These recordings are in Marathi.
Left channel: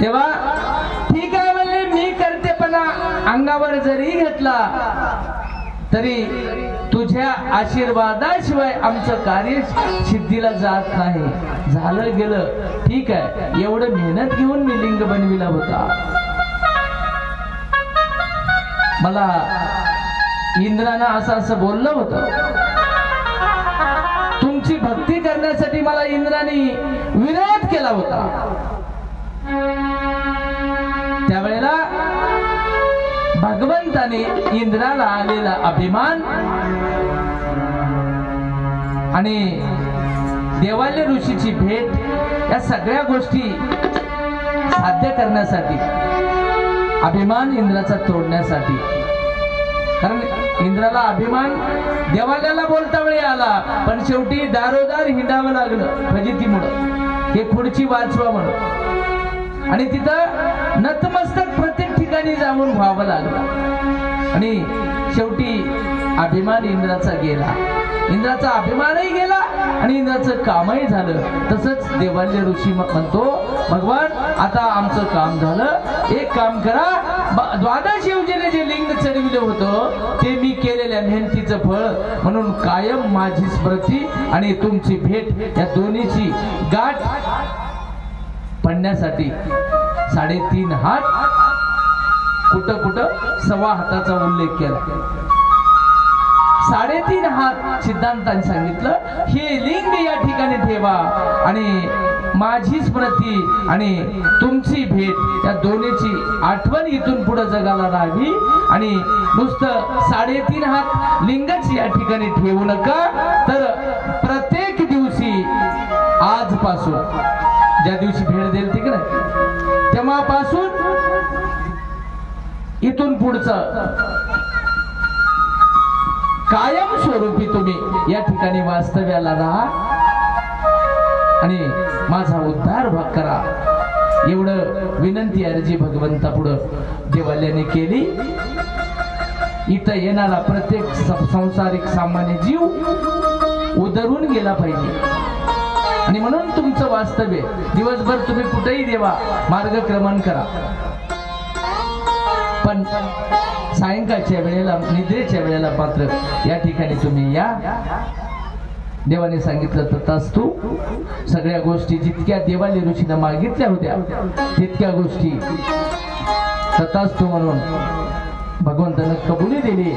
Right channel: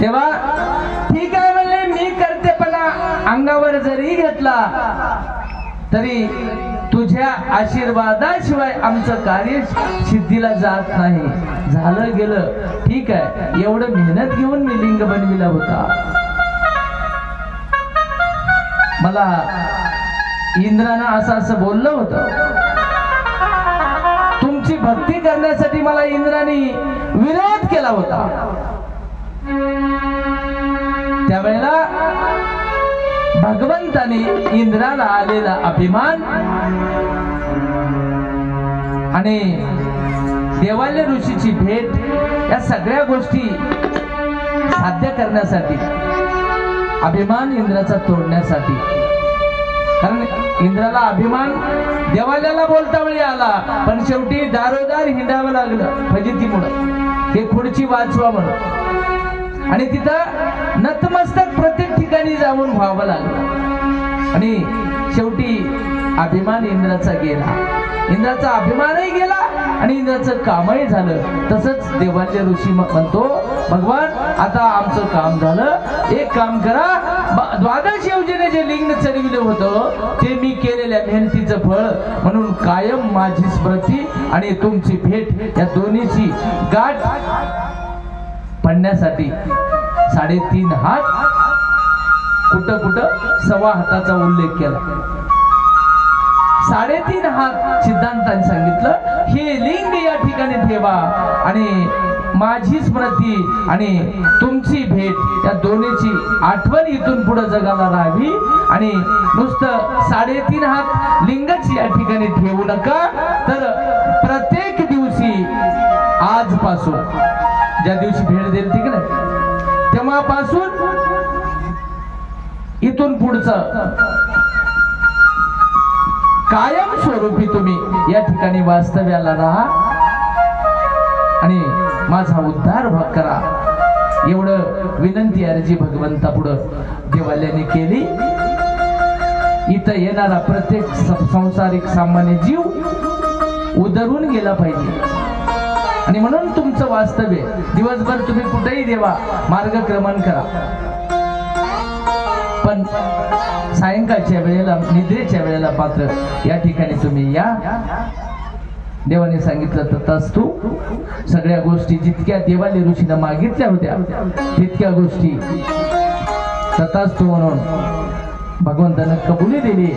तेव्हा ठीक आहे म्हणले, मी करते, पण अंगावर जरी घेतला तरी तुझ्या आशीर्वादाशिवाय आमचं कार्य सिद्धीला जात नाही. झालं गेलं ठीक आहे, एवढं मेहनत घेऊन मी लिंग बनविला होता. मला इंद्रानं असं बोललं होतं, तुमची भक्ती करण्यासाठी मला इंद्राने विरोध केला होता. त्यावेळेला भगवंताने इंद्राला आलेला अभिमान आणि देवाल्य ऋषीची भेट या सगळ्या गोष्टी साध्य करण्यासाठी, अभिमान इंद्राचा तोडण्यासाठी, कारण इंद्राला अभिमान देवाल्याला बोलता वेळी आला, पण शेवटी दारोदार हिंडावं लागलं फजितीमुळं, हे पुढची वाचवा म्हणून, आणि तिथं नतमस्तक प्रत्येक ठिकाणी जाऊन व्हावं लागलं. आणि शेवटी अभिमान इंद्राचा गेला, इंद्राचा अभिमानही गेला आणि इंद्राचं कामही झालं. तसंच देवाल्य ऋषी म्हणतो, भगवान आता आमचं काम झालं, एक काम करा, 12 योजने जे लिंग चढविलं होतं ते मी केलेल्या मेहनतीचं फळ म्हणून कायम माझी स्मृती आणि तुमची भेट या दोन्हीची गाठ पडण्यासाठी 3.5 हात, कुठं कुठं 1.25 हाताचा उल्लेख केला. 3.5 हात सिद्धांतांनी सांगितलं, हे लिंग या ठिकाणी ठेवा आणि माझी स्मृती आणि तुमची भेट या दोन्हीची आठवण इथून पुढे जगाला राहावी. आणि नुसतं 3.5 हात लिंगच या ठिकाणी ठेवू नका, तर प्रत्येक दिवशी आजपासून ज्या दिवशी भेट देईल ठीक नाही, तेव्हापासून इथून पुढचं कायम स्वरूपी तुम्ही या ठिकाणी वास्तव्याला राहा आणि माझा उद्धार करा. एवढं विनंती अर्जी भगवंता पुढं देवाल्याने केली. इथं येणारा प्रत्येक संसारिक सामान्य जीव उधरून गेला पाहिजे, आणि म्हणून तुमचं वास्तव्य दिवसभर तुम्ही कुठेही देवा मार्गक्रमण करा, पण सायंकाळच्या वेळेला निद्रेच्या वेळेला मात्र या ठिकाणी तुम्ही या. देवाने सांगितलं तथास्तु. सगळ्या गोष्टी जितक्या देवाने ऋषीने मागितल्या होत्या तितक्या गोष्टी तथास्तु म्हणून भगवंतानं कबुली दिली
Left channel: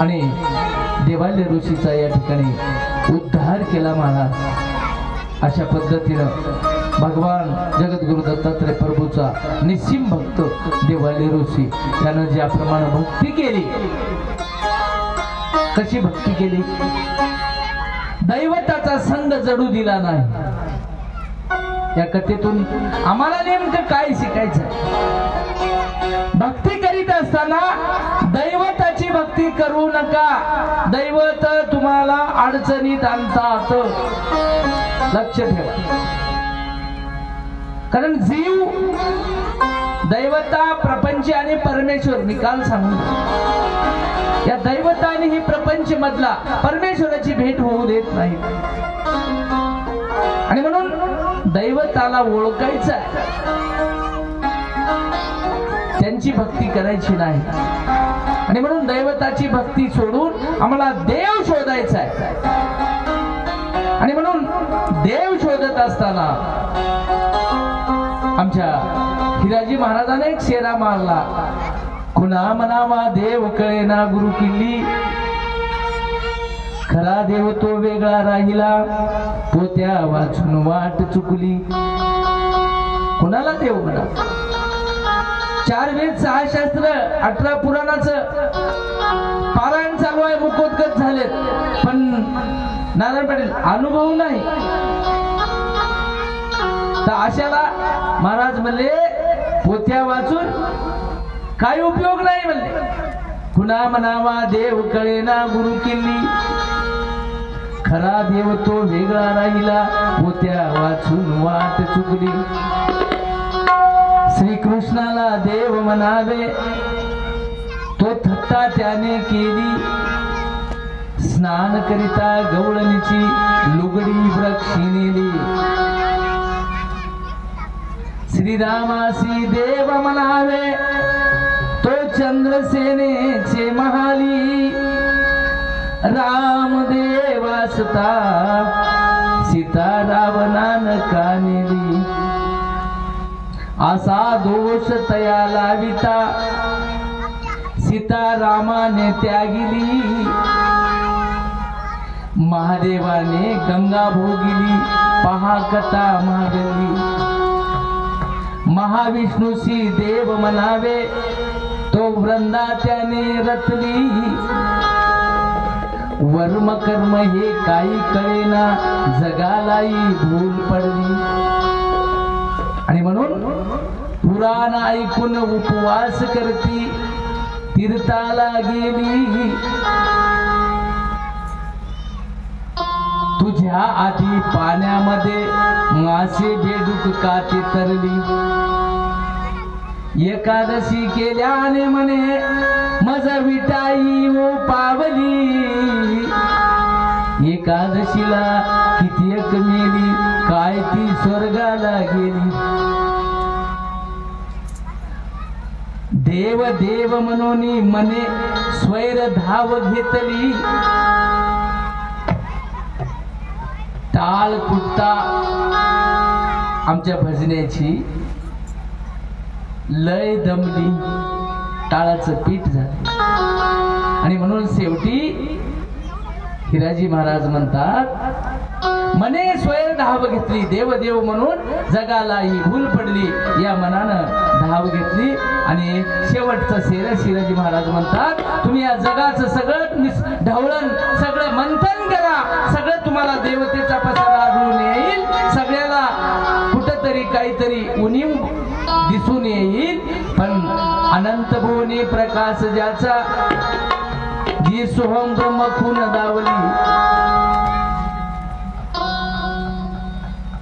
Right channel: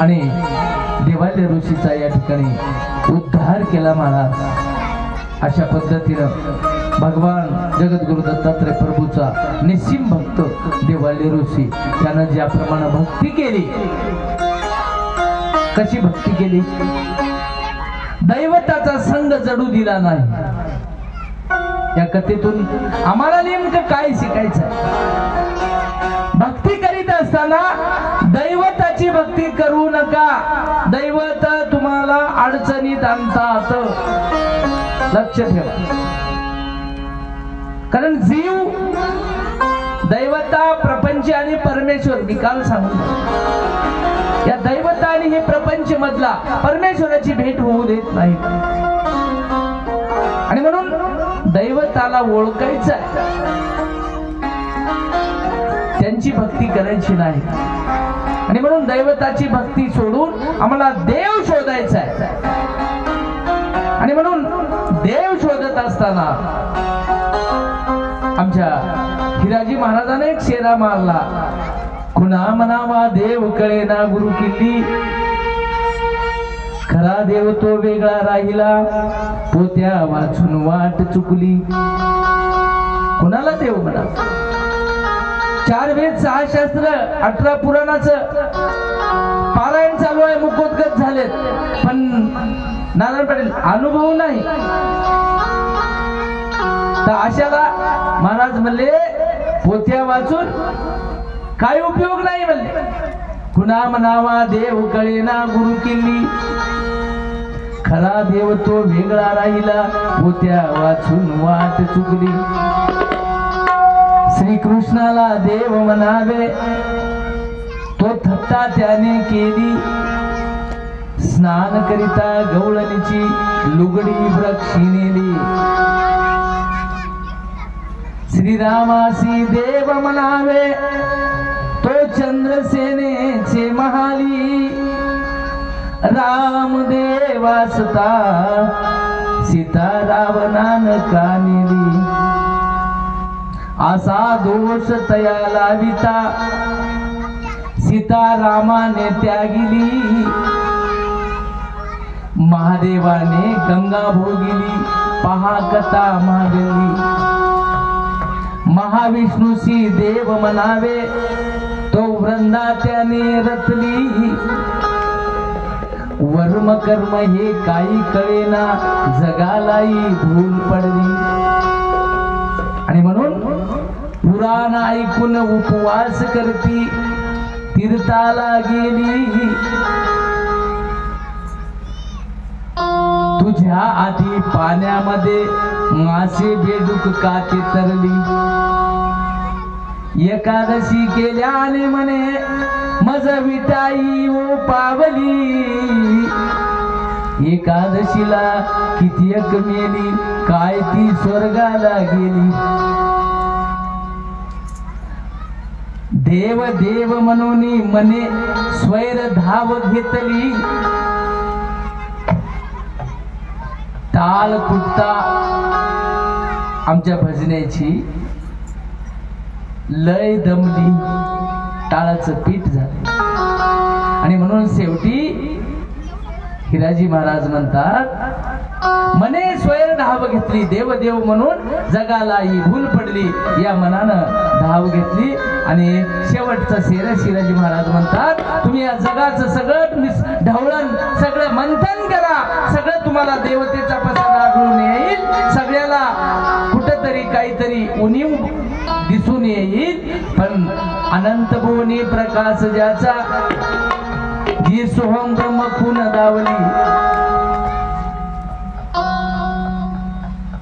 आणि देवालय ऋषीचा या ठिकाणी उद्धार केला महाराज. अशा पद्धतीनं भगवान जगद्गुरु दत्तात्रय प्रभूचा निस्सीम भक्त देवालय ऋषी त्यानं ज्याप्रमाणे भक्ती केली, कशी भक्ती केली, दैवताचा संग जडू दिला नाही. या कथेतून आम्हाला नेमकं काय शिकायचं? भक्ती करीत असताना दैवताची भक्ती करू नका. दैवत तुम्हाला अडचणीत आणतात, लक्ष ठेवा. कारण जीव, दैवता, प्रपंच आणि परमेश्वर, मी काल सांगितलं, या दैवता आणि हे प्रपंच मधला परमेश्वराची भेट होऊ देत नाही. आणि म्हणून दैवताला ओळखायचं, त्यांची भक्ती करायची नाही. आणि म्हणून दैवताची भक्ती सोडून आम्हाला देव शोधायचा आहे. आणि म्हणून देव शोधत असताना आमच्या हिराजी महाराजांनी एक शेरा मारला, कुणा म्हणावा देव कळेना गुरु किल्ली, खरा देव तो वेगळा राहिला, पोत्या वाचून वाट चुकली. कुणाला देव म्हणा? 4 वेद 6 शास्त्र 18 पुराणाचं पारायण चालू आहे, मुखोद्गत झालेत, पण नारायण पाटील अनुभव नाही. तर अशाला महाराज म्हणले पोथ्या वाचून काय उपयोग नाही म्हणले. कुणा म्हणावा देव कळेना गुरु किल्ली, खरा देव तो वेगळा राहिला, पोथ्या वाचून वाट चुकली. श्रीकृष्णाला देव म्हणावे तो थट्टा त्याने केली, स्नान करिता गवळणीची लुगडी वृक्षी नेली. श्रीरामासी देव म्हणावे तो चंद्रसेनेचे महाली, रामदेवासता सीता रावणान का नेली, असा दोष तया लाविता सीता रामाने त्यागिली, महादेवाने गंगा भोगिली, पहा कथा महागली, महाविष्णूसी देव म्हणावे तो वृंदा त्याने रचली, वर्म कर्म हे काही कळेना जगालाई भूल पडली, आणि म्हणून पुराण ऐकून उपवास करती तीर्थाला गेली, तुझ्या आधी पाण्यामध्ये मासे बेडूक काठी तरली, एकादशी केल्याने म्हणे मज विटाई ओ पावली, एकादशीला किती एक मेली काय ती स्वर्गाला गेली, देव देव म्हणून मने स्वैर धाव घेतली, टाळ तुटता आमच्या भजनेची लय दमली, टाळाचं पीठ झालं, आणि म्हणून शेवटी हिराजी महाराज म्हणतात मने स्वैर धाव घेतली, देव देव म्हणून जगाला ही भूल पडली, या मनानं धाव घेतली, आणि शेवटचा शेर शिराजी महाराज म्हणतात तुम्ही या जगाचं सगळं ढवळण सगळं मंथन करा, सगळं तुम्हाला देवतेचा पसारा आढळून येईल, सगळ्याला कुठेतरी काहीतरी उणीव दिसून येईल, पण अनंत भुवनी प्रकाश ज्याचा जी सोहम ब्रह्म खून दावली,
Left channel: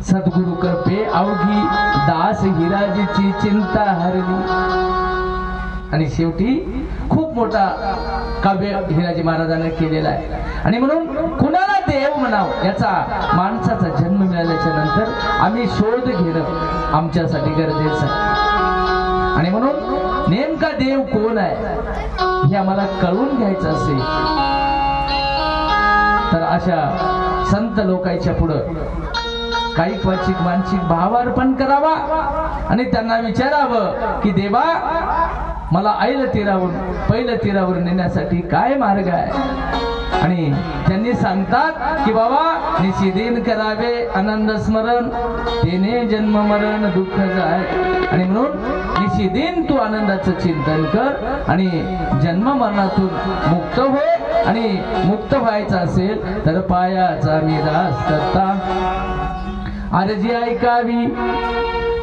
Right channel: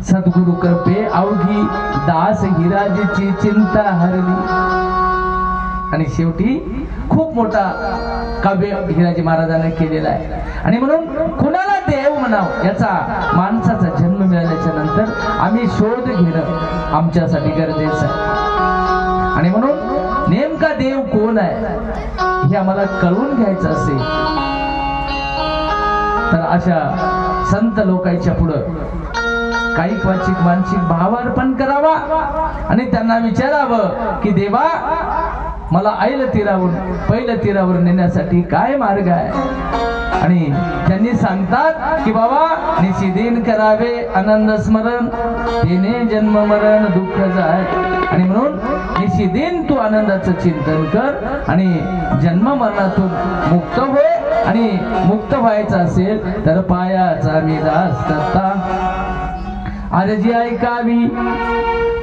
सद्गुरु कृपे अवघी दास हिराजीची चिंता हरली, आणि शेवटी खूप मोठा काव्य हिराजी महाराजांनी केलेला आहे, आणि म्हणून कुणाला देव म्हणावं याचा माणसाचा जन्म मिळाल्याच्या नंतर आम्ही शोध घेणं आमच्यासाठी गरजेचं आहे, आणि म्हणून नेमका देव कोण आहे हे आम्हाला कळून घ्यायचं असेल तर अशा संत लोकांच्या पुढं काही क्वचित मानसिक भावार्पण करावा, आणि त्यांना विचारावं की देवा मला ऐल तीरावरून पहिलं तीरावर नेण्यासाठी काय मार्ग आहे, आणि त्यांनी सांगतात की बाबा निशिदिन करावे आनंद स्मरण, तेने जन्म मरण दुःख जाय, आणि म्हणून निशिदिन तू आनंदाचं चिंतन कर आणि जन्म मरणातून मुक्त होय, आणि मुक्त व्हायचं असेल तर पायाचा मी दास करता आरजी ऐकावी,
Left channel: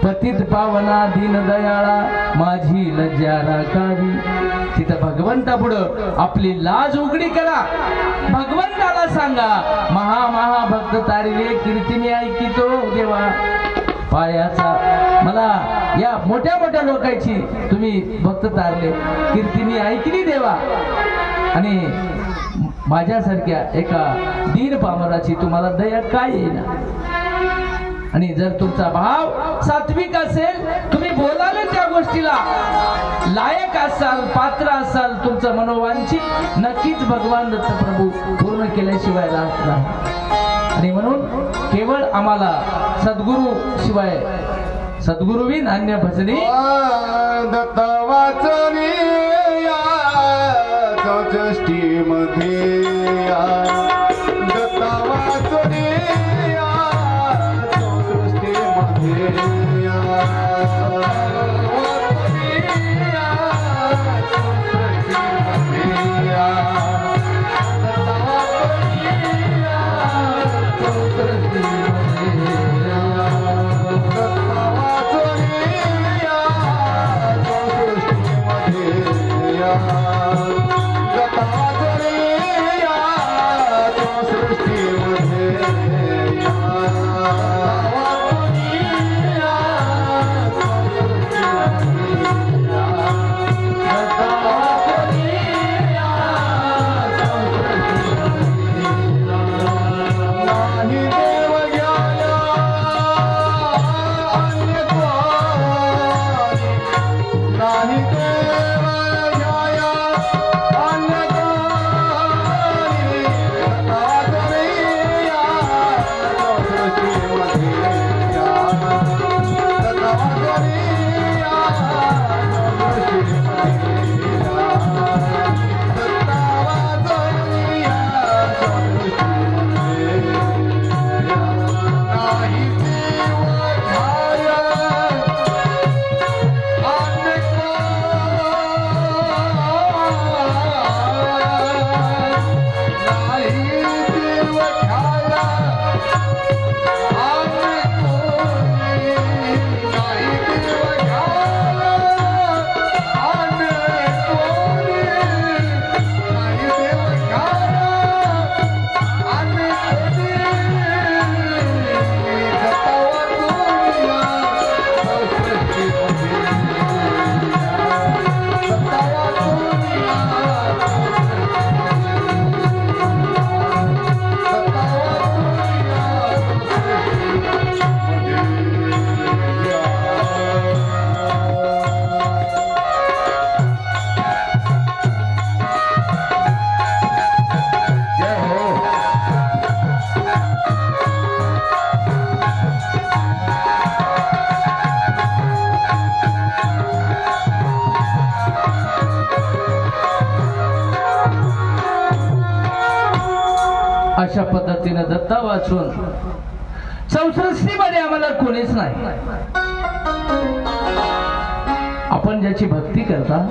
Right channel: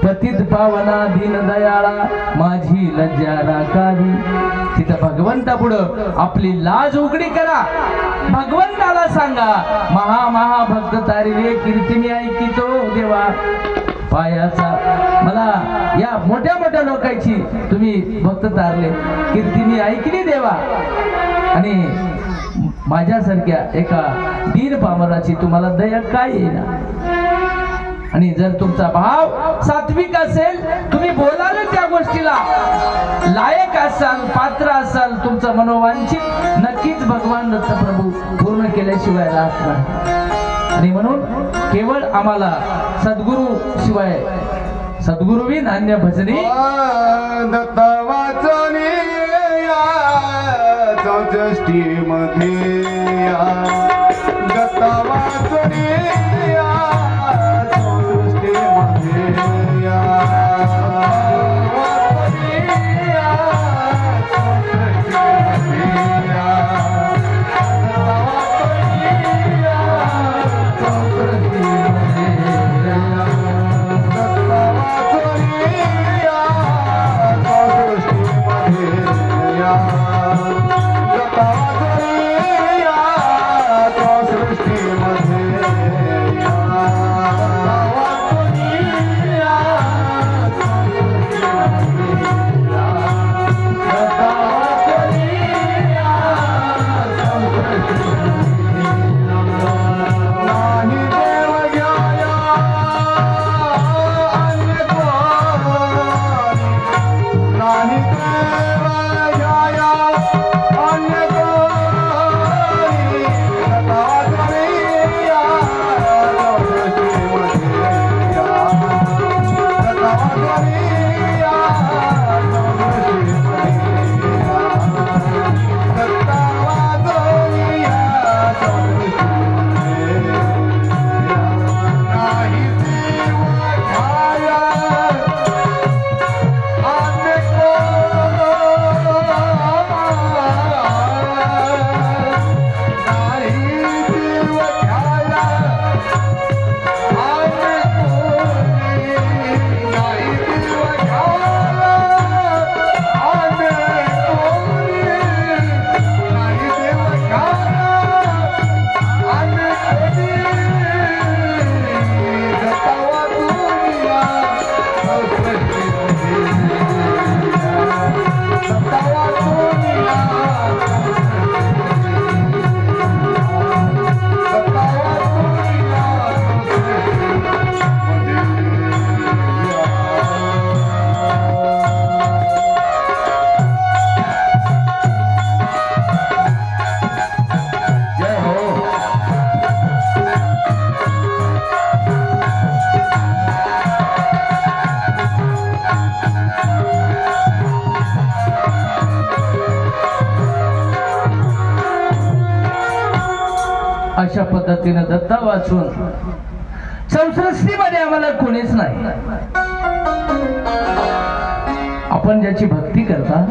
पतित पावना दीन दयाळा माझी लज्जा राखावी, तिथं भगवंता पुढं आपली लाज उघडी करा, भगवंताला सांगा महा महा भक्त तारिले कीर्तीने ऐकितो देवा, पायाचा मला या मोठ्या मोठ्या लोकांची तुम्ही भक्त तारले कीर्तीने ऐकली देवा, आणि माझ्यासारख्या एका दीन पामराची तुम्हाला दया काय येणार, आणि जर तुमचा भाव सात्विक असेल तुम्ही बोलाल त्या गोष्टीला लायक असाल पात्र असाल, तुमचं मनोवांछित नक्कीच भगवान दत्त प्रभू पूर्ण केल्याशिवाय राहत नाही, आणि म्हणून केवळ आम्हाला सद्गुरु शिवाय सद्गुरुविन अन्य भजनी दत्त वाचनी चौष्टी मध्ये दत्त वाचनी अशा पद्धतीनं दत्ता वाचून संसृष्टीमध्ये आम्हाला कोणीच नाही. आपण ज्याची भक्ती करता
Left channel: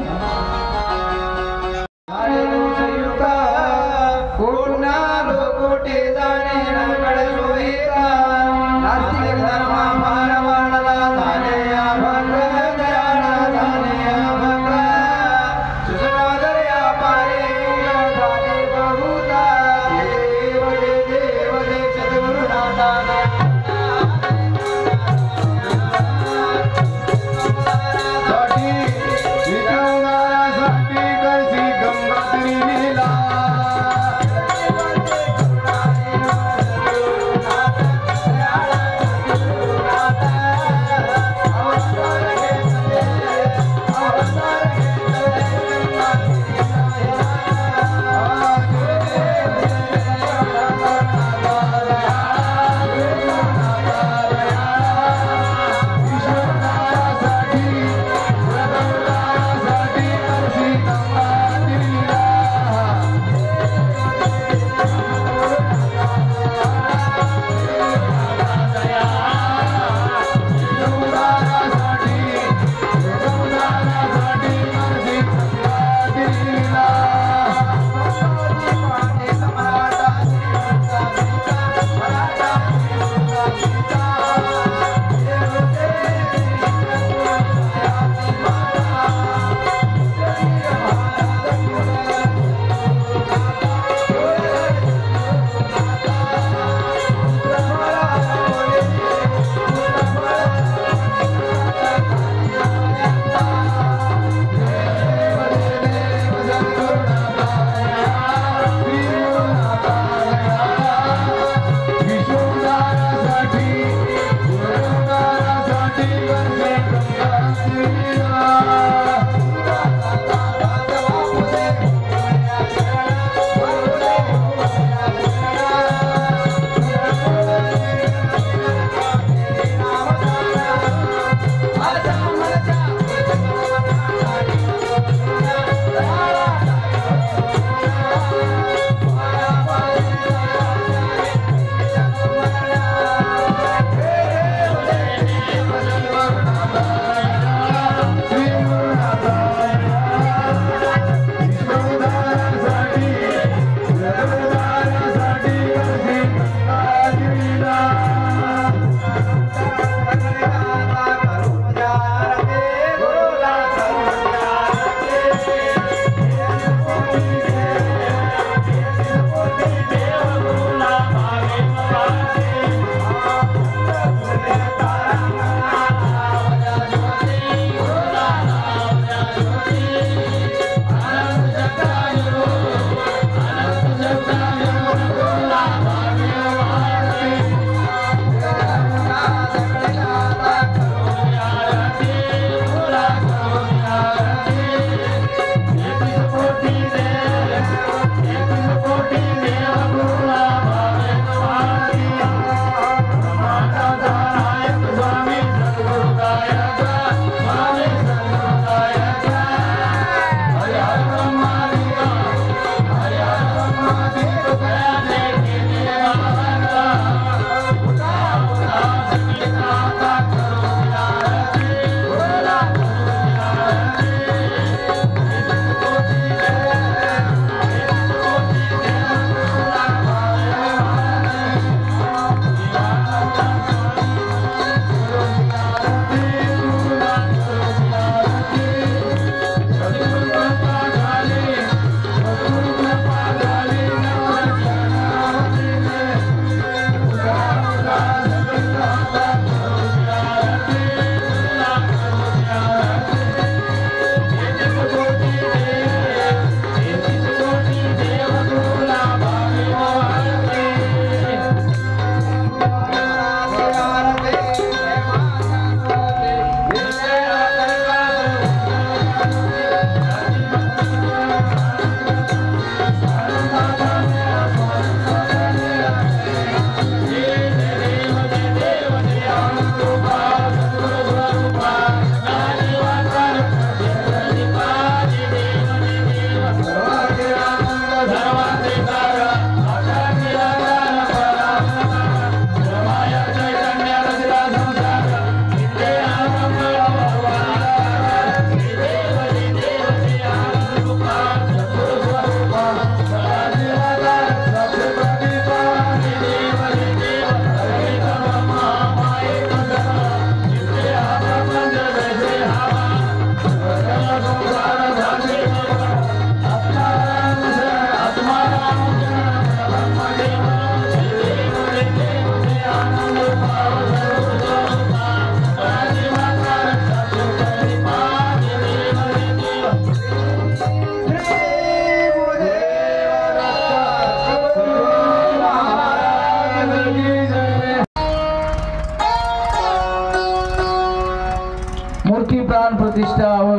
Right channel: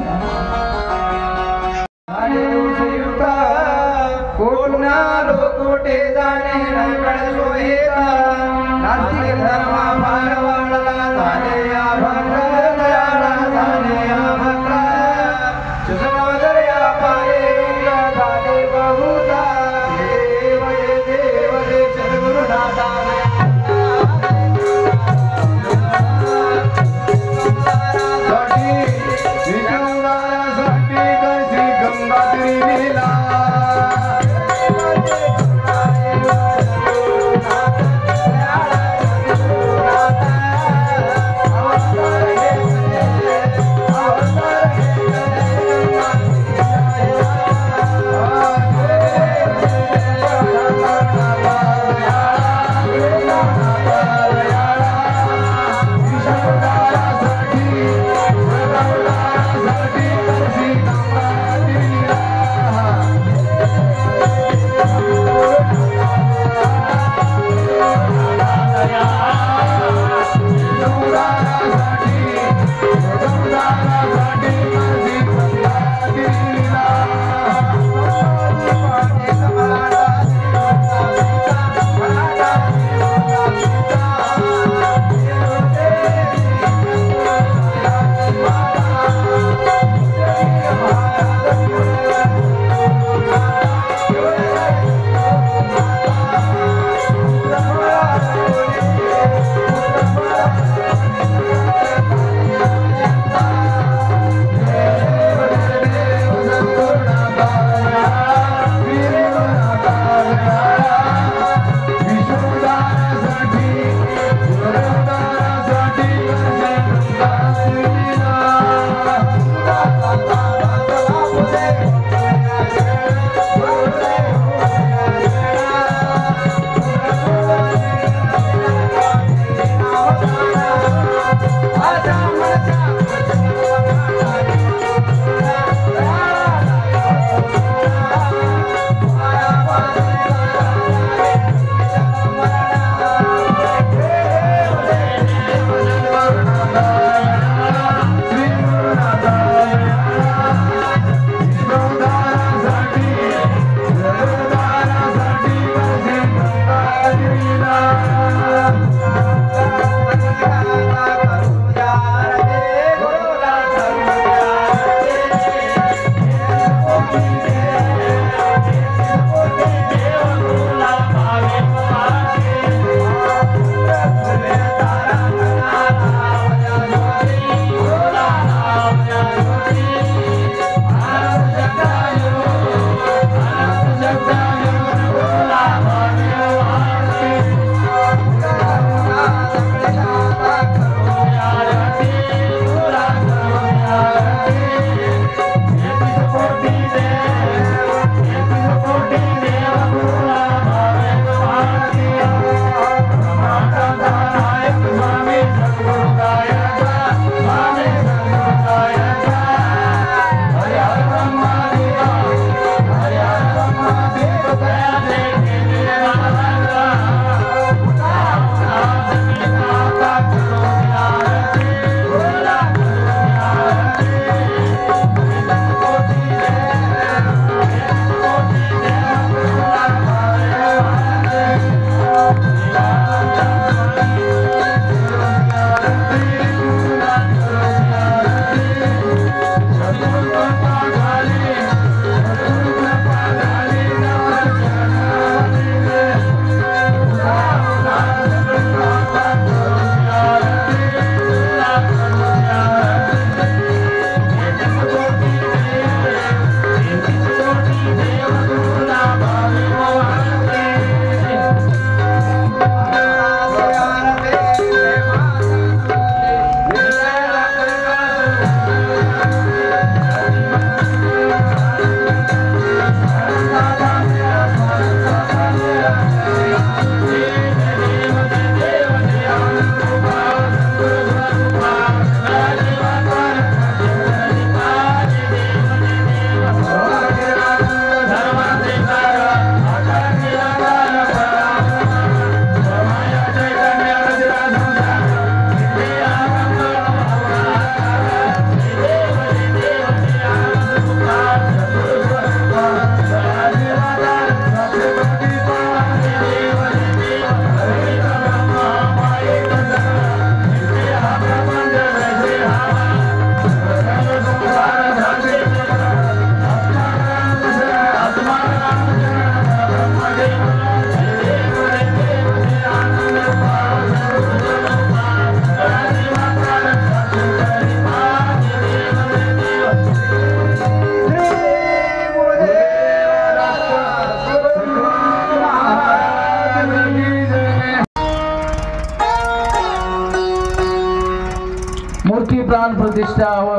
मूर्ती प्राण प्रतिष्ठा व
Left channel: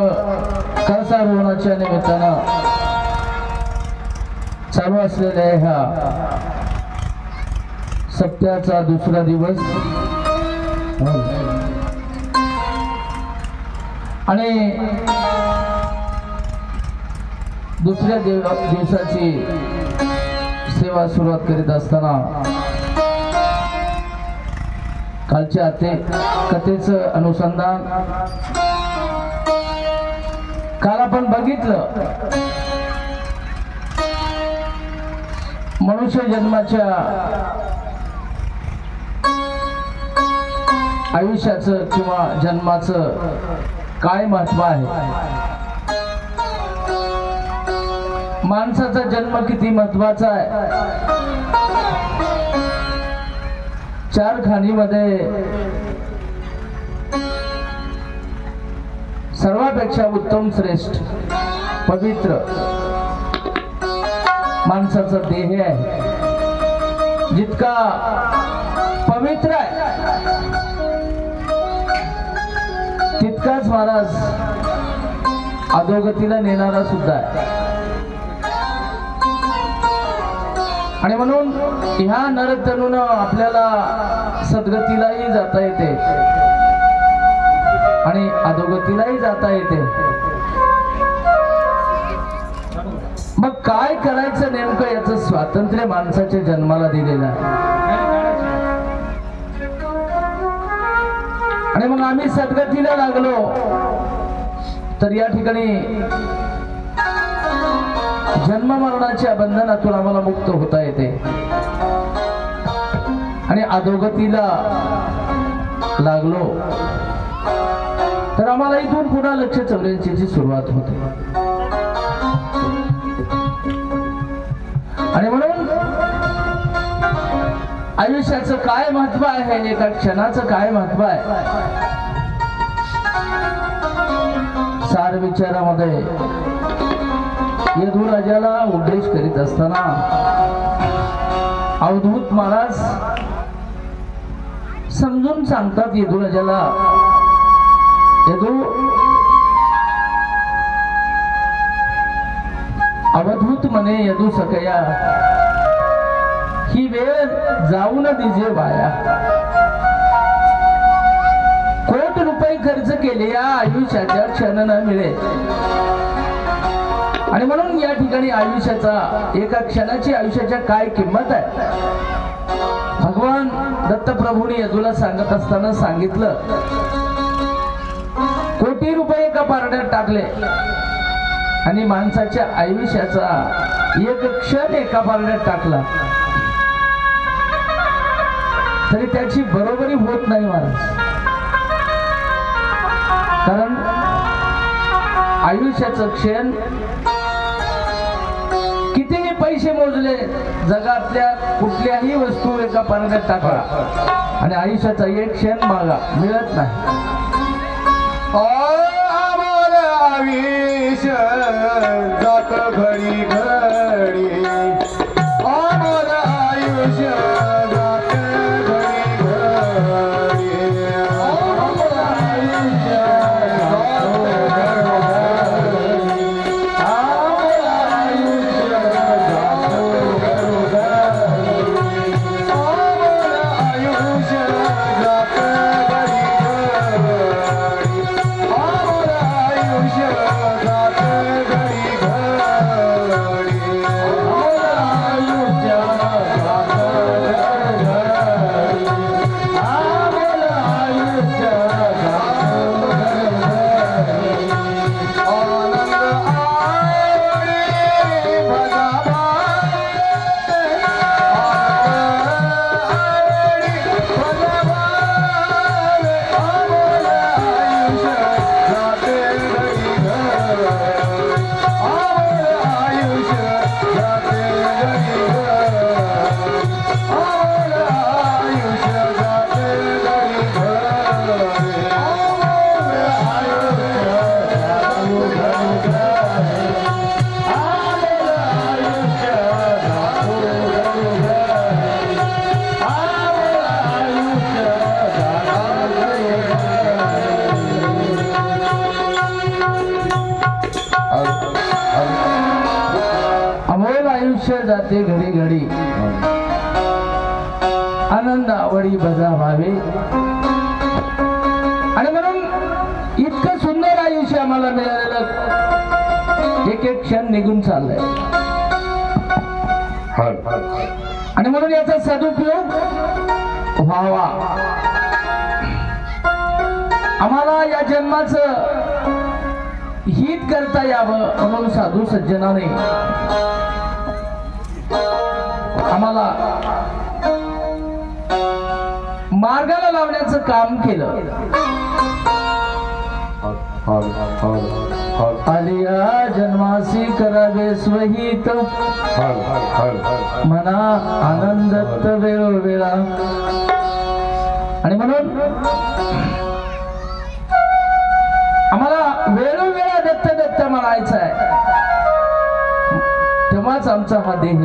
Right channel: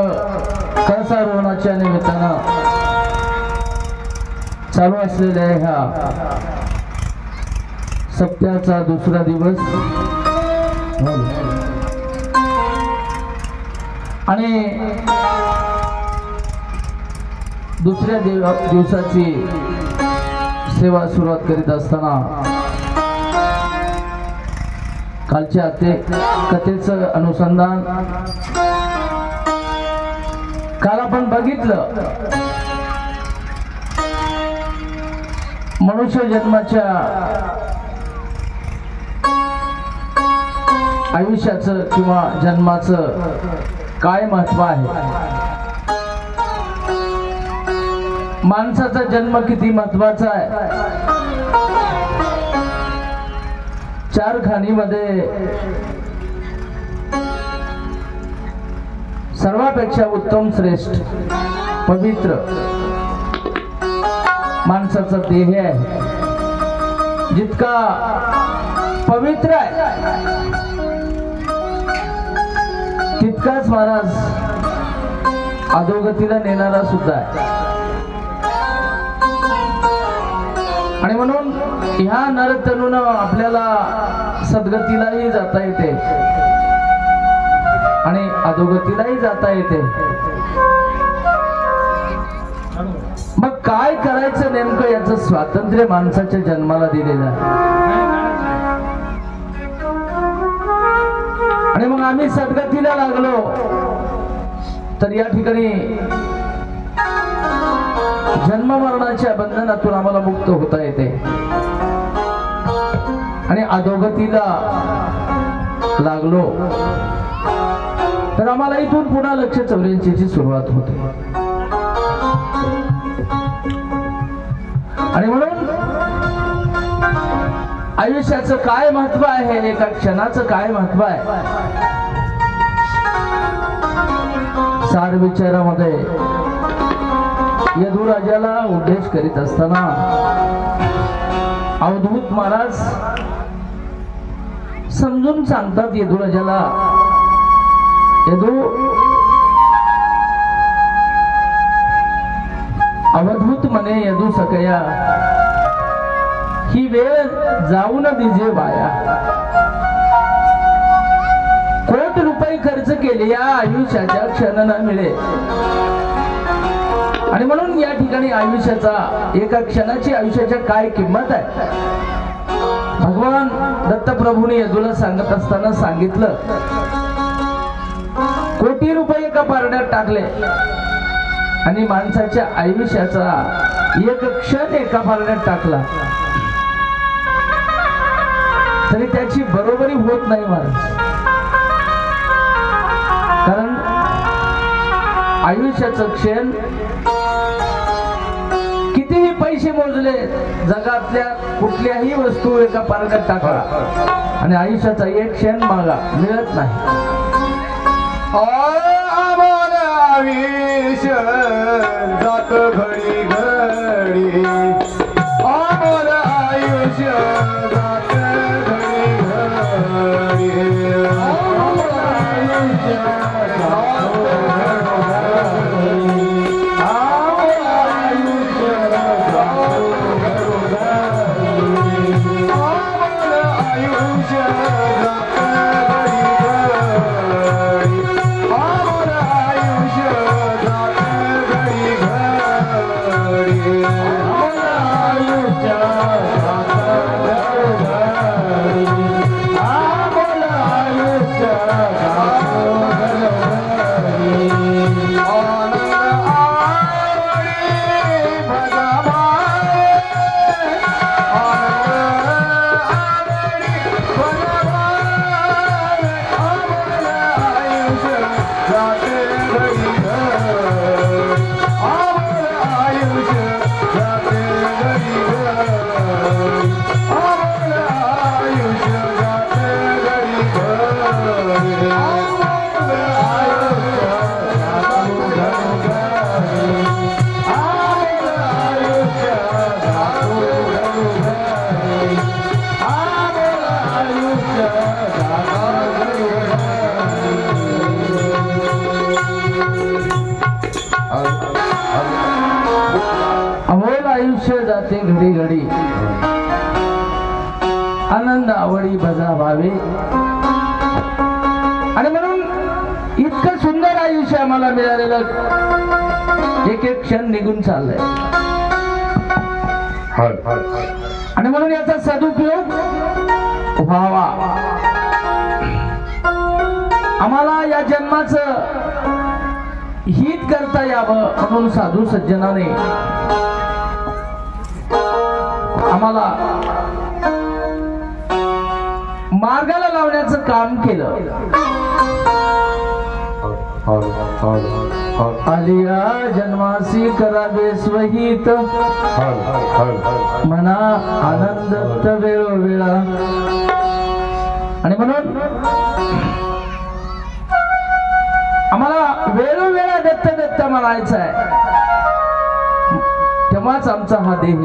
कळसारोहणाच्या निमित्तानं चालू असलेल्या ह्या सप्त्याचा दुसरा दिवस आणि दुसऱ्या दिवसाची सेवा सुरुवात करीत असताना कालच्या कथेचं अनुसंधान काल आपण बघितलं. मनुष्य जन्माच्या आयुष्याचं किंवा जन्माचं काय महत्व आहे, माणसाचा जन्म किती महत्वाचा आहे. चार खाणीमध्ये सर्वापेक्षा उत्तम श्रेष्ठ पवित्र माणसाचा देह आहे. जितका पवित्र आहे तितकाच महाराज अधोगतीला नेणारा सुद्धा आहे. आणि म्हणून ह्या नरतरुण आपल्याला सद्गतीलाही जाता येते आणि अधोगतीलाही जाता येते. मग काय करायचं नेमकं याचं स्वातंत्र्य माणसाच्या जन्माला दिलेलं आहे. आणि मग आम्ही सद्गतीला लागलो तर या ठिकाणी जन्म मरणाच्या बंधनातून आम्हाला मुक्त होता येते आणि अधोगतीला लागलो तर आम्हाला इथून पुन्हा 184 सुरुवात होते. आणि म्हणून आयुष्याचं काय महत्व आहे, एका क्षणाचं काय महत्व आहे, सार विचारामध्ये यदुराजाला उद्देश करीत असताना अवधूत महाराज समजून सांगतात यदुराजाला, यदू अवधूत म्हणे यदू सकया, ही वेळ जाऊ न दिजे वाया. कोटी रुपये खर्च केले या आयुष्याच्या क्षण न मिळे. आणि म्हणून या ठिकाणी आयुष्याचा, एका क्षणाची आयुष्याच्या काय किंमत आहे, भगवान दत्तप्रभूने यदूला सांगत असताना सांगितलं. कोटी रुपये एका पारड्यात टाकले आणि माणसाच्या आयुष्याचा एक क्षण एका पारड्यात टाकला तरी त्याची बरोबरी होत नाही महाराज. कारण आयुष्याचं क्षण कितीही पैसे मोजले, जगातल्या कुठल्याही वस्तू एका पारड्यात टाकला आणि आयुष्याचा एक क्षण मागा मिळत नाही. आयुष्य जात घडी घडी, आम्हाला आयुष्य जात घडी घडी, आम्हाला आयुष्य इतकं सुंदर आयुष्य आम्हाला मिळालेलं एक एक क्षण निघून चाललंय आणि म्हणून याचा सदुपयोग व्हावा. आम्हाला या जन्माचं हित करता यावं म्हणून साधू सज्जनाने आम्हाला मार्गाला लावण्याचं काम केलं. आलिया जन्मासी करावे स्वहित मना आनंद वेळोवेळा. आणि म्हणून आम्हाला वेळोवेळा दत्त दत्त म्हणायचं आहे, तेव्हाच आमचा हा देह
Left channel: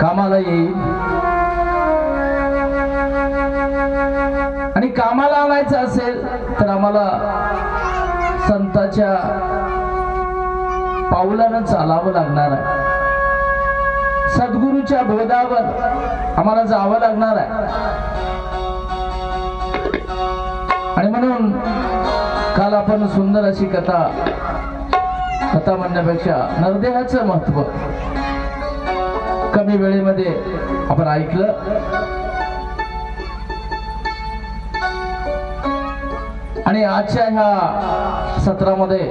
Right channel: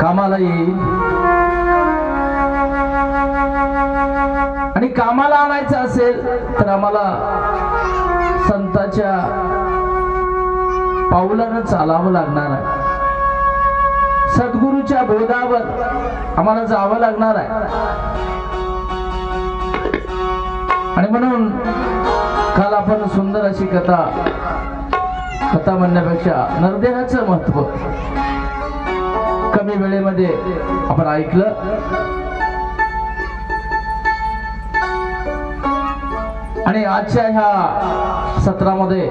कामाला येईल. आणि कामाला आणायचं असेल तर आम्हाला संतांच्या पावलानं चालावं लागणार आहे. सद्गुरूच्या बोधावर आम्हाला जावं लागणार आहे. आणि म्हणून काल आपण सुंदर अशी कथा म्हणण्यापेक्षा नरदेहाचं महत्व कमी वेळेमध्ये आपण ऐकलं. आणि आजच्या ह्या सत्रामध्ये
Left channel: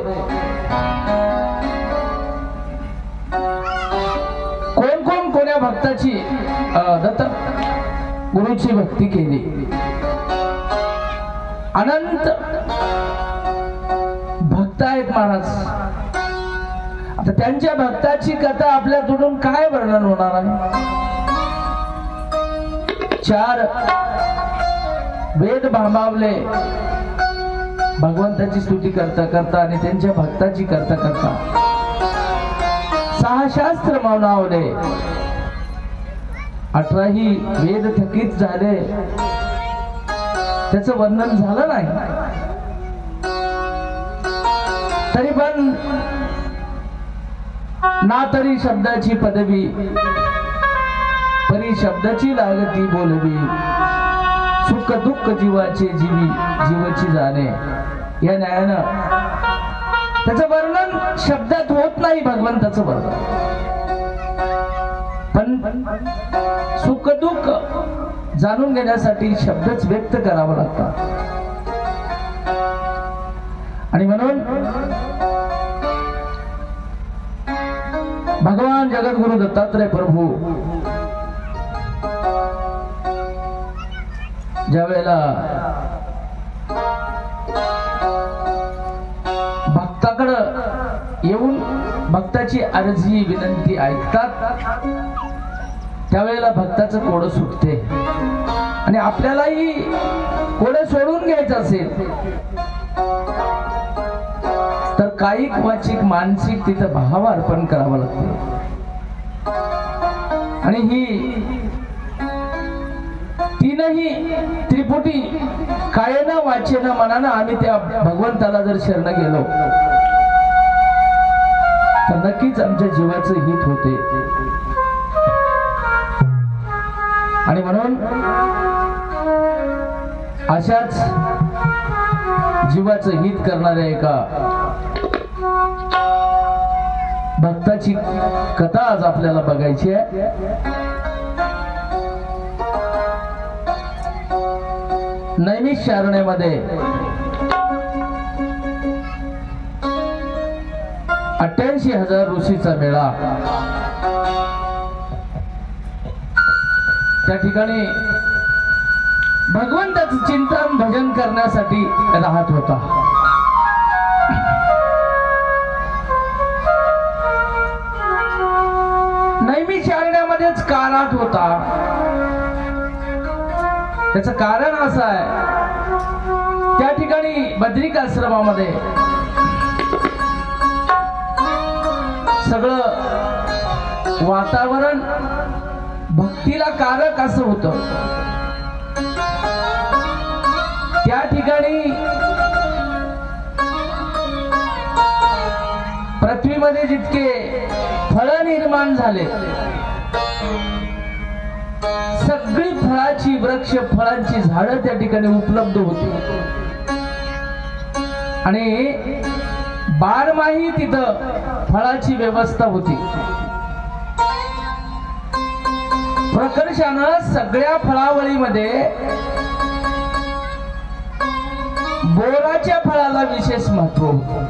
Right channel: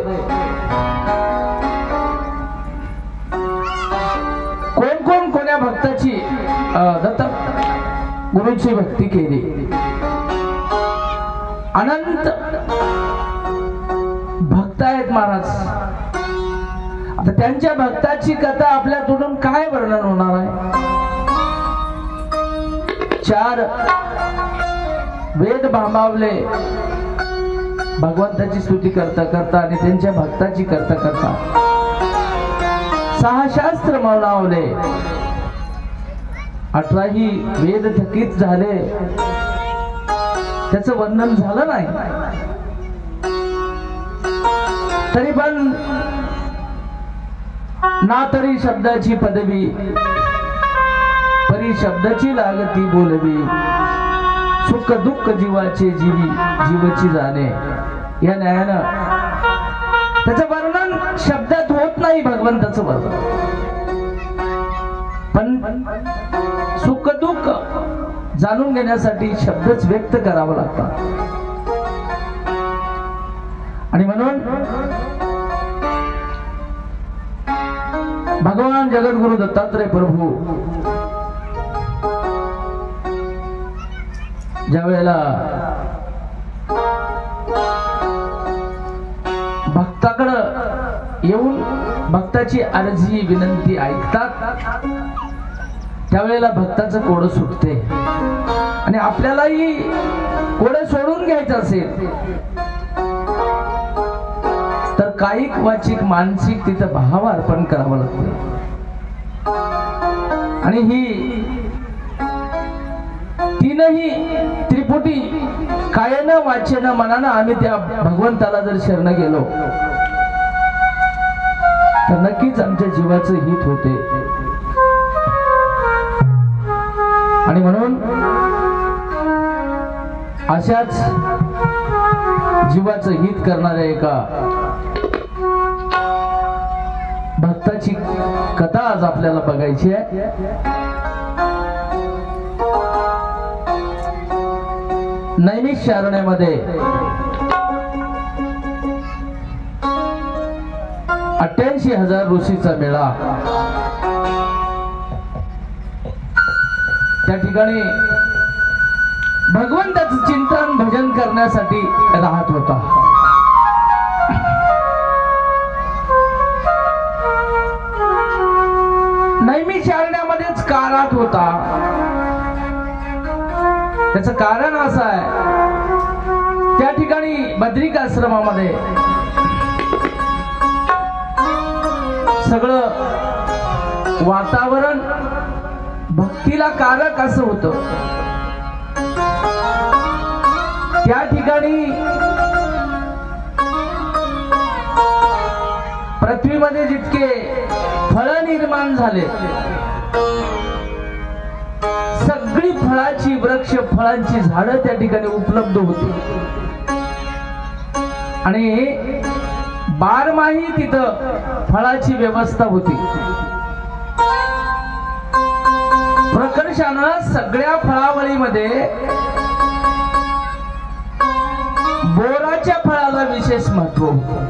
कोण कोण कोण्या भक्ताची दत्त गुरुची भक्ती केली. अनंत भक्त आहेत महाराज. आता त्यांच्या भक्ताची कथा आपल्याकडून काय वर्णन होणार आहे. 4 वेद भांबावले भगवंताची स्तुती करता करता आणि त्यांच्या भक्ताची करता करता 6 शास्त्र मौनावले. 18ही वेद थकीत झाले, त्याचं वर्णन झालं नाही. तरी पण ना तरी शब्दाची पदवी परी शब्दाची लागती बोलवी. सुख दुःख जीवाचे जीवची जाणे. या न्यायानं त्याचं वर्णन शब्दात होत नाही. भगवंताचं वर्णन पण सुख दुःख जाणून घेण्यासाठी शब्दच व्यक्त करावं लागतात. आणि म्हणून भगवान जगद्गुरु दत्तात्रय प्रभू ज्या वेळेला भक्ताकडं येऊन भक्ताची अर्जी विनंती ऐकतात, त्यावेळेला भक्ताचं कोडं सुटते. आणि आपल्यालाही कोडं सोडून घ्यायचं असेल तर कायिक वाचिक मानसिक तिथं भाव अर्पण करावं लागते. आणि ही तीनही त्रिपुटी कायेनं वाचेनं मनानं आम्ही त्या भगवंताला जर शरण गेलो तर नक्कीच आमच्या जीवाचं हित होते. आणि म्हणून अशाच जीवाचं हित करणाऱ्या एका भक्ताची कथा आज आपल्याला बघायची आहे. नैमिषारण्यामध्ये 88,000 ऋषीचा मेळा. त्या ठिकाणी भगवंताचं चिंतन भजन करण्यासाठी राहत होता. नैमिषारण्यामध्येच का राहत होता त्याचं कारण असं आहे, त्या ठिकाणी बद्रिक आश्रमामध्ये सगळं वातावरण भक्तीला कारक असं होतं. त्या ठिकाणी पृथ्वीमध्ये जितके फळ निर्माण झाले, सगळी फळाची वृक्ष फळांची झाडं त्या ठिकाणी उपलब्ध होती. आणि बारमाही तिथं फळाची व्यवस्था होती. प्रकर्षानं सगळ्या फळावळीमध्ये बोराच्या फळाला विशेष महत्व होतं.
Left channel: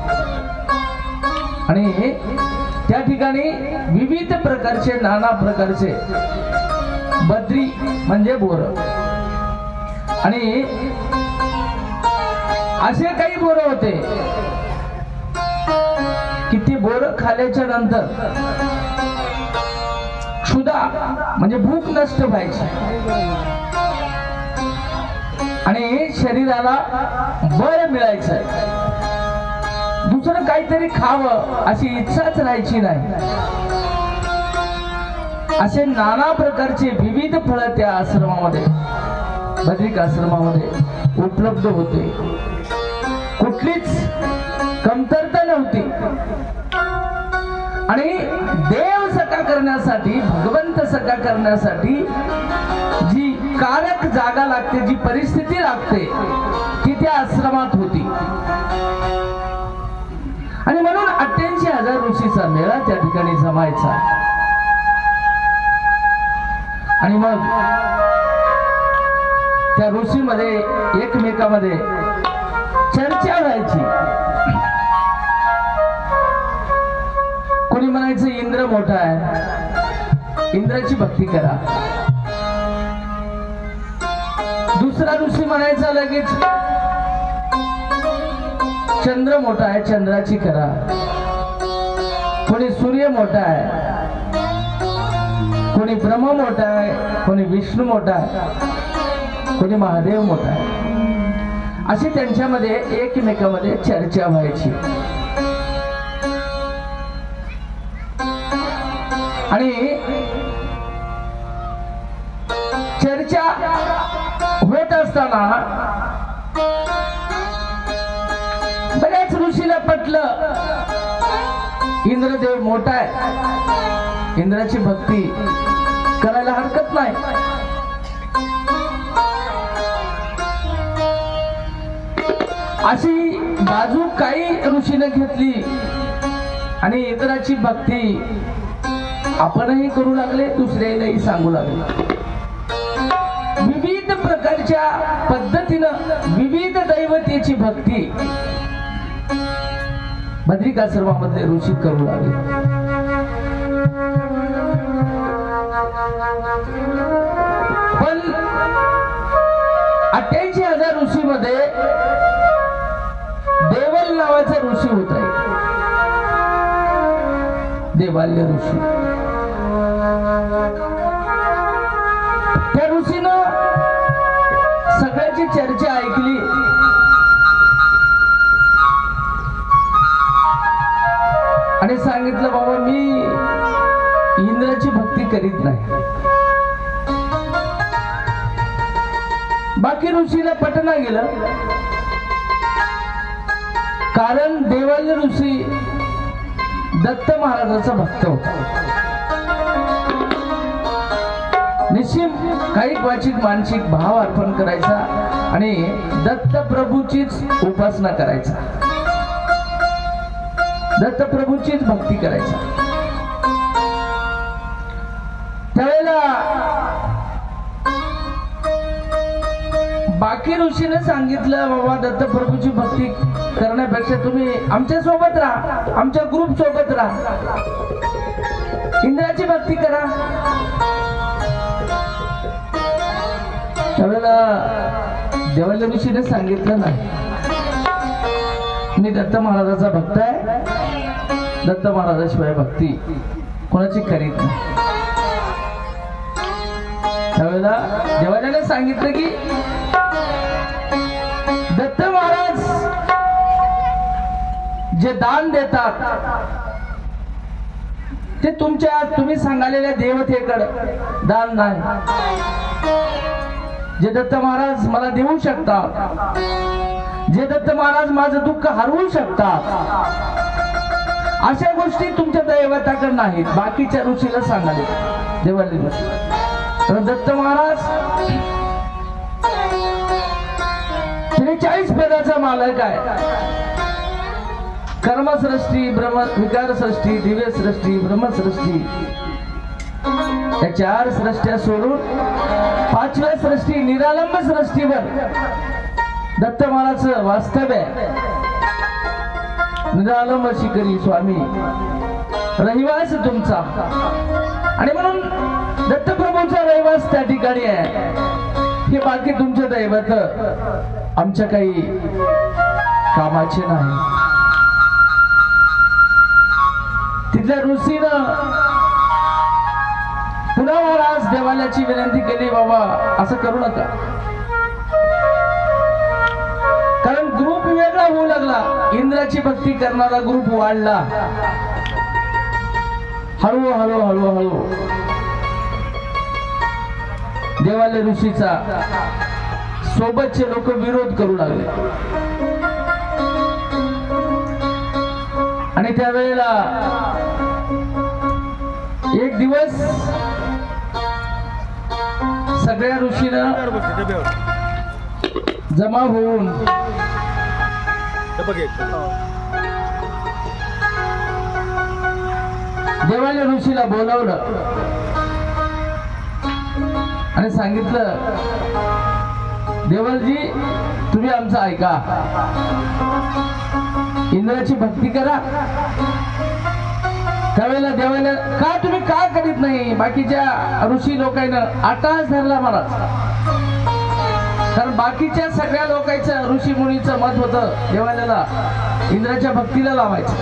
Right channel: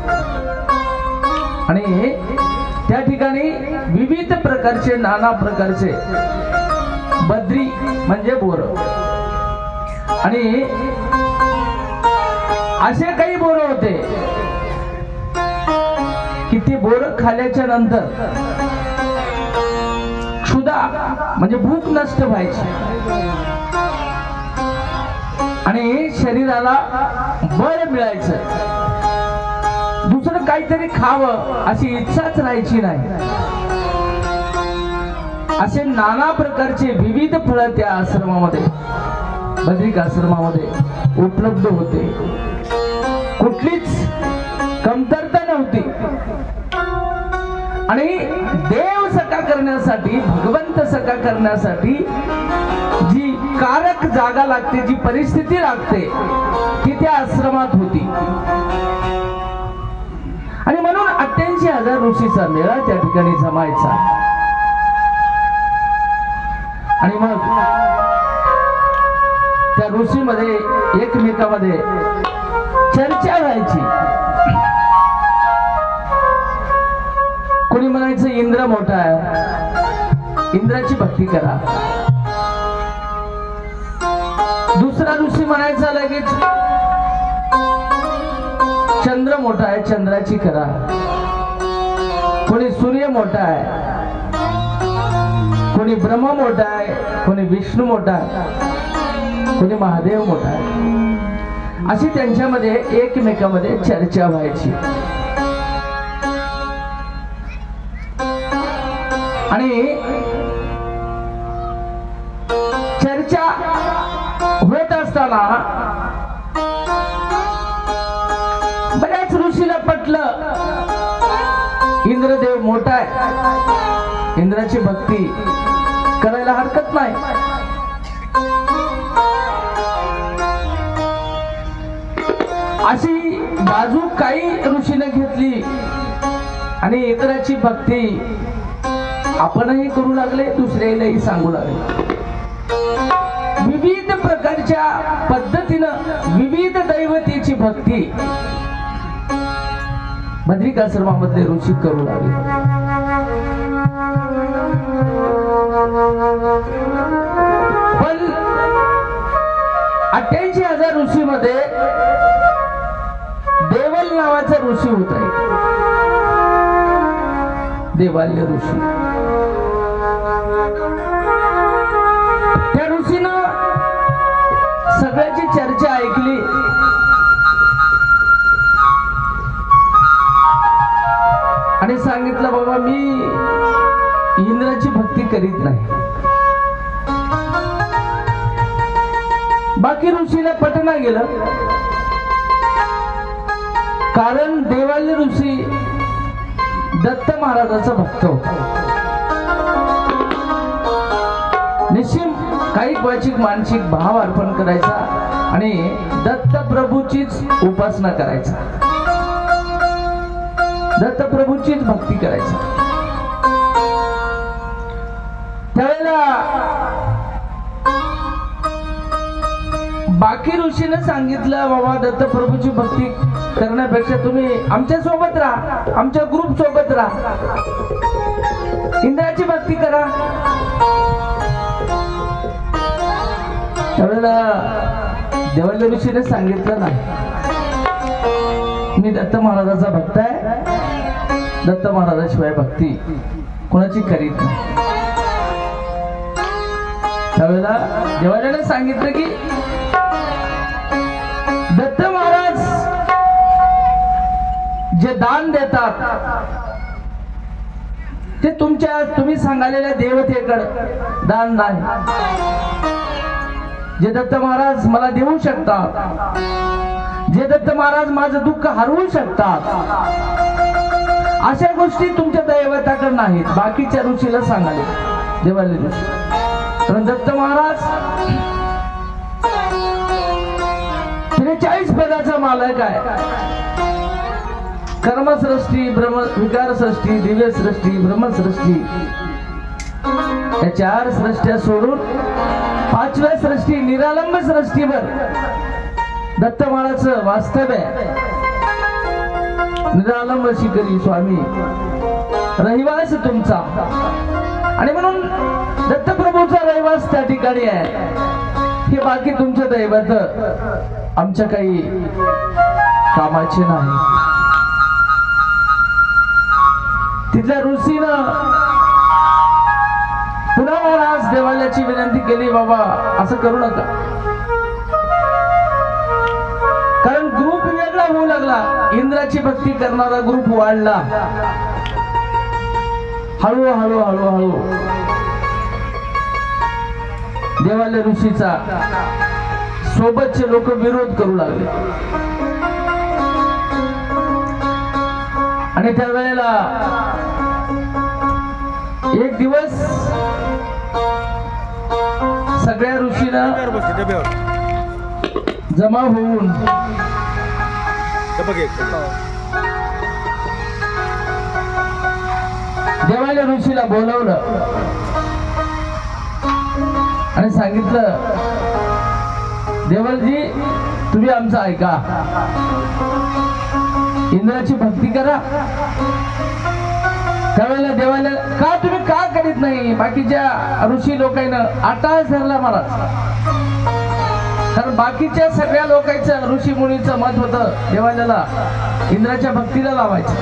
आणि त्या ठिकाणी विविध प्रकारचे नाना प्रकारचे बद्री म्हणजे बोर आणि असे काही बोर होते की ते बोर खाल्याच्या नंतर क्षुधा म्हणजे भूक नष्ट व्हायची आणि शरीराला बळ मिळायचं. दुसरं काहीतरी खावं अशी इच्छाच राहायची नाही. असे नाना प्रकारचे विविध फळं त्या आश्रमामध्ये बद्रिक आश्रमामध्ये उपलब्ध होते. कुठलीच कमतरता नव्हती. आणि देव सखा करण्यासाठी भगवंत सखा करण्यासाठी जी कारक जागा लागते जी परिस्थिती लागते ती त्या आश्रमात होती. आणि म्हणून 88,000 ऋषीचा मेळा त्या ठिकाणी जमायचा. आणि मग त्या ऋषीमध्ये एकमेकामध्ये चर्चा व्हायची. कोणी म्हणायचं इंद्र मोठा आहे, इंद्राची भक्ती करा. दुसरा ऋषी म्हणायचा लगेच चंद्र मोठा आहे, चंद्राची करा. कोणी सूर्य मोठा आहे, कोणी ब्रह्म मोठा आहे, कोणी विष्णू मोठा आहे, कोणी महादेव मोठा आहे. अशी त्यांच्यामध्ये एकमेकामध्ये चर्चा व्हायची. आणि चर्चा होत असताना बऱ्याच ऋषीला पटलं इंद्रदेव मोठा आहे, इंद्राची भक्ती करायला हरकत नाही. अशी बाजू काही ऋषीने घेतली आणि इंद्राची भक्ती आपणही करू लागले, दुसऱ्यालाही सांगू लागले. विविध प्रकारच्या पद्धतीनं विविध दैवतेची भक्ती बद्रिक आश्रमामधले ऋषी करू लागले. पण 88,000 ऋषीमध्ये देवल नावाचा ऋषी होता. देवाल्य ऋषी. त्या ऋषीनं सगळ्याची चर्चा ऐकली आणि सांगितलं बाबा मी इंद्राची भक्ती करीत नाही. बाकी ऋषीला पटना गेलं. कारण देवाल्य ऋषी दत्त महाराजाचा भक्त होता. निश्चित काही क्वचित मानसिक भाव अर्पण करायचा आणि दत्त प्रभूचीच उपासना करायचा, दत्त प्रभूचीच भक्ती करायची. त्यावेळेला बाकी ऋषीने सांगितलं बाबा दत्त प्रभूची भक्ती करण्यापेक्षा तुम्ही आमच्या सोबत राहा, आमच्या ग्रुप सोबत राहा, इंद्राची भक्ती करा. त्यावेळेला देवाल्य ऋषीने सांगितलं नाही, मी दत्त महाराजाचा भक्त आहे, दत्त महाराजाशिवाय भक्ती कोणाची करीत नाही. त्यावेळेला देवाल्याने सांगितलं की दत्त महाराज जे दान देतात ते तुम्ही सांगालेल्या देवतेकडे दान नाही. जे दत्त महाराज मला देऊ शकतात, जे दत्त महाराज माझं दुःख हरवू शकतात, अशा गोष्टी तुमच्या दैवताकडे नाहीत. बाकीच्या ऋषीला सांगाले देवाल्य ऋषी. पण दत्त महाराज 43 पदाचा मालक आहे. कर्मसृष्टी, विकार सृष्टी, दिव्य सृष्टी, ब्रह्मसृष्टी या 4 सृष्ट्या सोडून 5व्या सृष्टी निरालंब सृष्टीवर दत्तमाळाचं वास्तव्य आहे. निरालंब शिकरी स्वामी रहिवास तुमचा, आणि म्हणून दत्तप्रभूचा रहिवास त्या ठिकाणी आहे. हे बाकी तुमचे दैवत आमच्या काही कामाचे नाही. तिथल्या ऋषीनं पुन्हा आज देवालयाची विनंती केली, बाबा असं करू नका, कारण ग्रुप वेगळा होऊ लागला. इंद्राची भक्ती करणारा ग्रुप वाढला. हळूहळू हळूहळू देवालय ऋषीचा सोबतचे लोक विरोध करू लागले. आणि त्यावेळेला एक दिवस सगळ्या ऋषींना जमा होऊन देवालय ऋषीला बोलावलं आणि सांगितलं, देवलजी तुम्ही आमचं ऐका, इंद्राची भक्ती करा. त्यावेळेला देवालय का तुम्ही का करीत नाही? बाकीच्या ऋषी लोकांना आटाच धरला महाराज, कारण बाकीच्या सगळ्या लोकांचं ऋषी मुनीचं मत होतं देवालयाला इंद्राच्या भक्तीला लावायचं.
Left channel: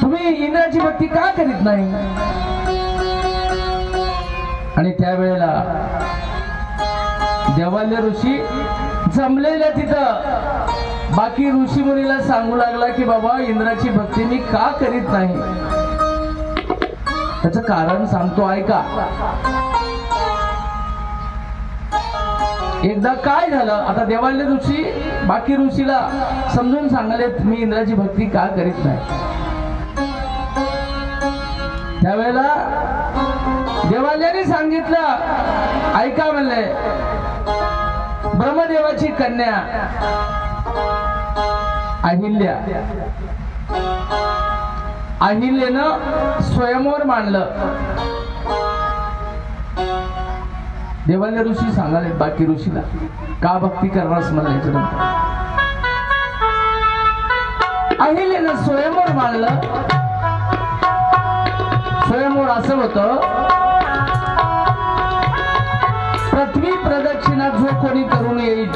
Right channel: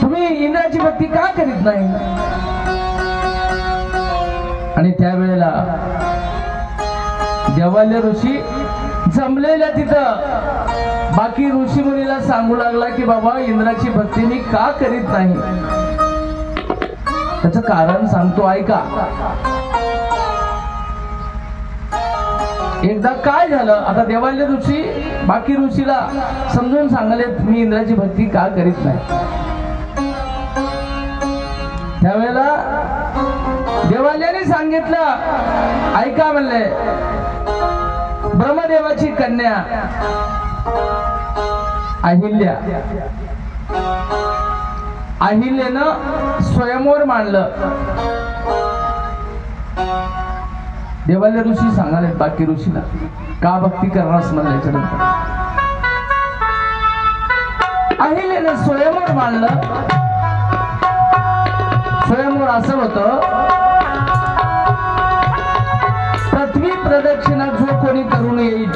तुम्ही इंद्राची भक्ती का करीत नाही? आणि त्यावेळेला देवालय ऋषी जमलेल्या तिथं बाकी ऋषी मुनीला सांगू लागला की बाबा इंद्राची भक्ती मी का करीत नाही, त्याचं कारण सांगतो ऐका. एकदा काय झालं, आता देवालय ऋषी बाकी ऋषीला समजून सांगले मी इंद्राची भक्ती का करीत नाही. त्यावेळेला देवालयाने सांगितलं ऐका म्हणले, ब्रह्मदेवाची कन्या अहिल्या, अहिल्यानं स्वयंवर मांडलं. देवालय ऋषी सांगाले बाकी ऋषीला का भक्ती करणार म्हणायचं नंतर. अहिल्यानं स्वयंवर मांडलं. स्वयंवर असं होतं, पृथ्वी प्रदक्षिणा जो कोणी करून येईल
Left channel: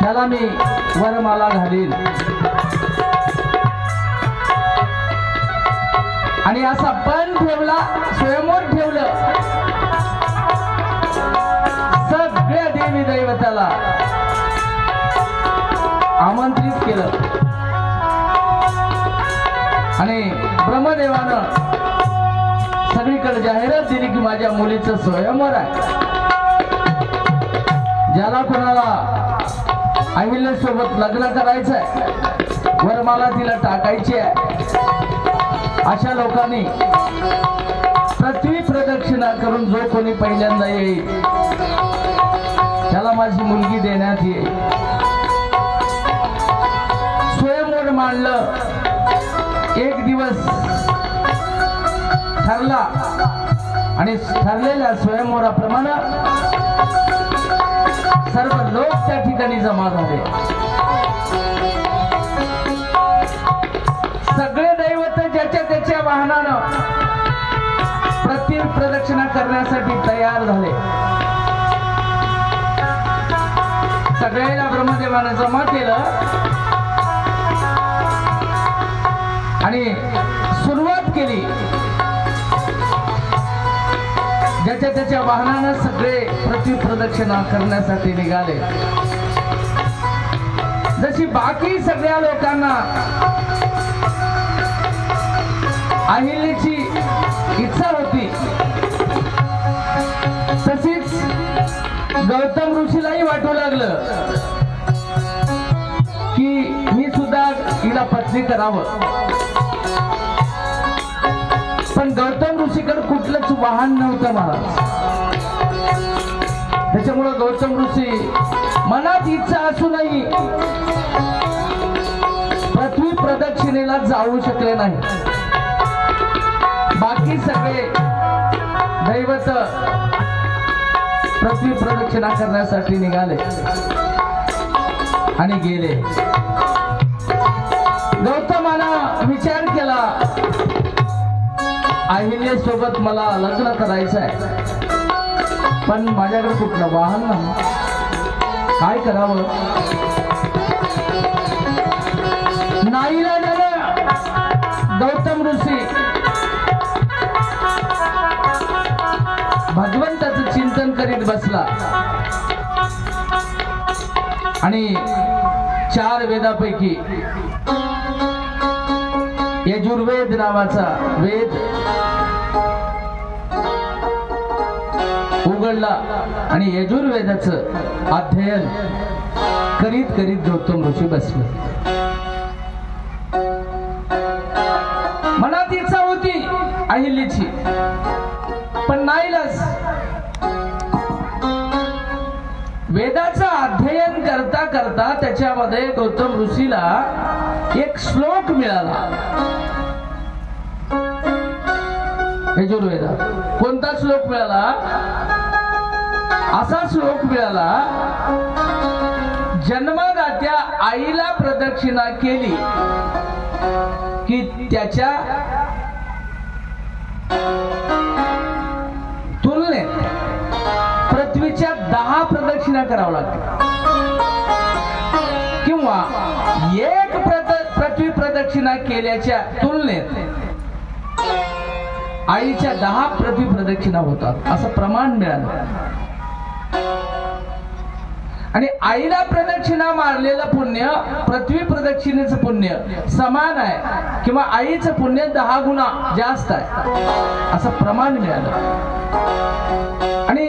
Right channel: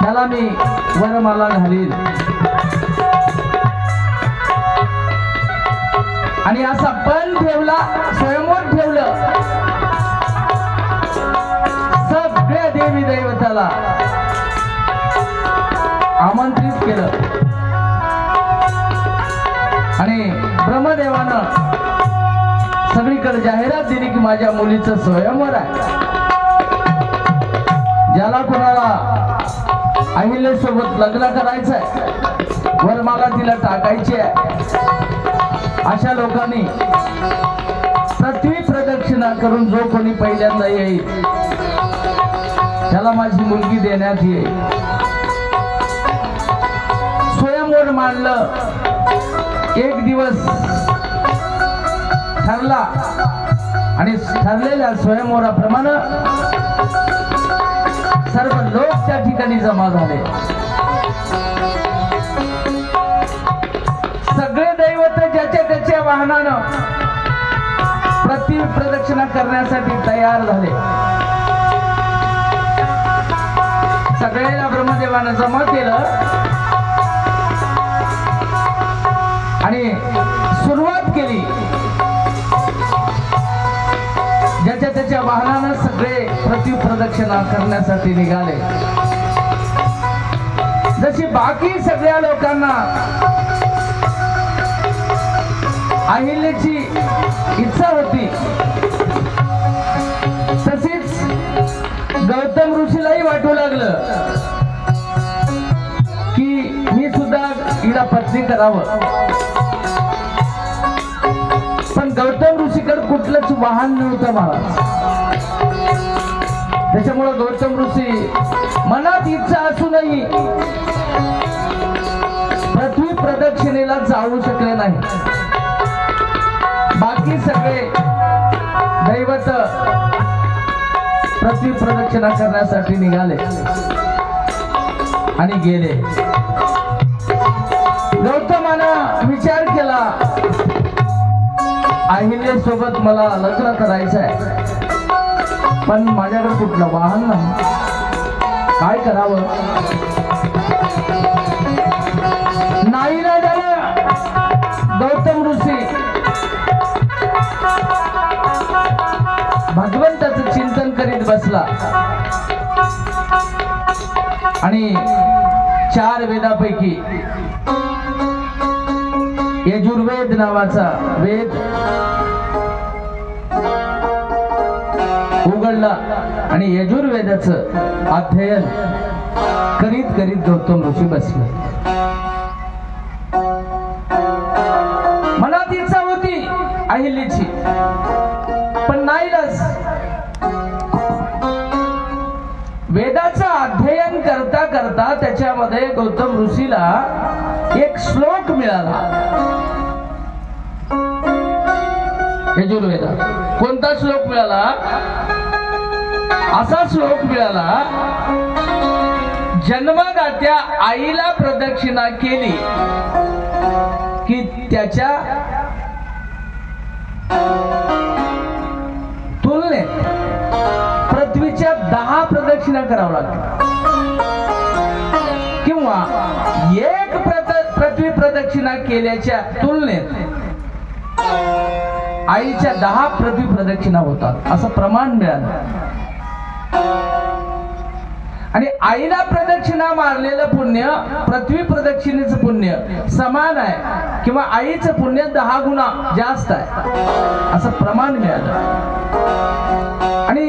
त्याला मी वरमाला घालील. आणि असा पण ठेवला, स्वयंवर ठेवलं. सगळ्या देवी दैवताला आमंत्रित केलं आणि ब्रह्मदेवानं सगळीकडे जाहिरात दिली की माझ्या मुलीचं स्वयंवर आहे. ज्याला कुणाला अहिल्यासोबत लग्न करायचंय, वरमाला तिला टाकायची आहे, अशा लोकांनी पृथ्वी प्रदक्षिणा करून जो कोणी पहिल्यांदा येईल त्याला माझी मुलगी देण्यात येईल. स्वयंवर मांडलं. एक दिवस ठरला आणि ठरलेल्या स्वयंवराप्रमाणे सर्व लोक त्या ठिकाणी जमा झाले. सगळे दैवत ज्याच्या त्याच्या वाहनानं पृथ्वी प्रदक्षिणा करण्यासाठी तयार झाले. सगळ्याला ब्रह्मदेवानं जमा केलं आणि सुरुवात केली. ज्याच्या त्याच्या वाहनानं सगळे पृथ्वी प्रदक्षिणा करण्यासाठी निघाले. जशी बाकी सगळ्या लोकांना अहिल्याची इच्छा होती, तशीच गौतम ऋषीलाही वाटू लागलं की मी सुद्धा हिला पत्नी करावं. पण गौतम ऋषीकडे कुठलंच वाहन नव्हतं महाराज. त्याच्यामुळे गौतम ऋषी मनात इच्छा असूनही पृथ्वी प्रदक्षिणेला जाऊ शकले नाही. बाकी सगळे दैवत पृथ्वी प्रदक्षिणा करण्यासाठी निघाले आणि गेले. गौतमानं विचार केला, अहिल्यासोबत मला लग्न करायचं आहे, पण माझ्याकडे कुठलं वाहन नाही, काय करावं. नाईलाजानं गौतम ऋषी भगवंताचं चिंतन करीत बसला आणि 4 वेदापैकी यजुर्वेद नावाचा वेद उघडला आणि यजुर्वेदाचं अध्ययन करीत करीत गौतम ऋषी बसले. मनात इच्छा होती अहिल्याची, पण नाईलाज. वेदाचं अध्ययन करता करता त्याच्यामध्ये गौतम ऋषीला एक श्लोक मिळाला. यजुर्वेदात कोणता श्लोक मिळाला? असा श्लोक मिळाला, जन्मदात्या आईला प्रदक्षिणा केली की त्याच्या तुलनेत पृथ्वीच्या 10 प्रदक्षिणा करावं लागतात, किंवा एक पृथ्वी प्रदक्षिणा केल्याच्या तुलनेत आईच्या 10 पृथ्वी प्रदक्षिणा होतात, असं प्रमाण मिळालं. आणि आईला प्रदक्षिणा मारलेलं पुण्य पृथ्वी प्रदक्षिणेचं पुण्य समान आहे, किंवा आईचं पुण्य 10 गुणा जास्त आहे, असं प्रमाण मिळालं. आणि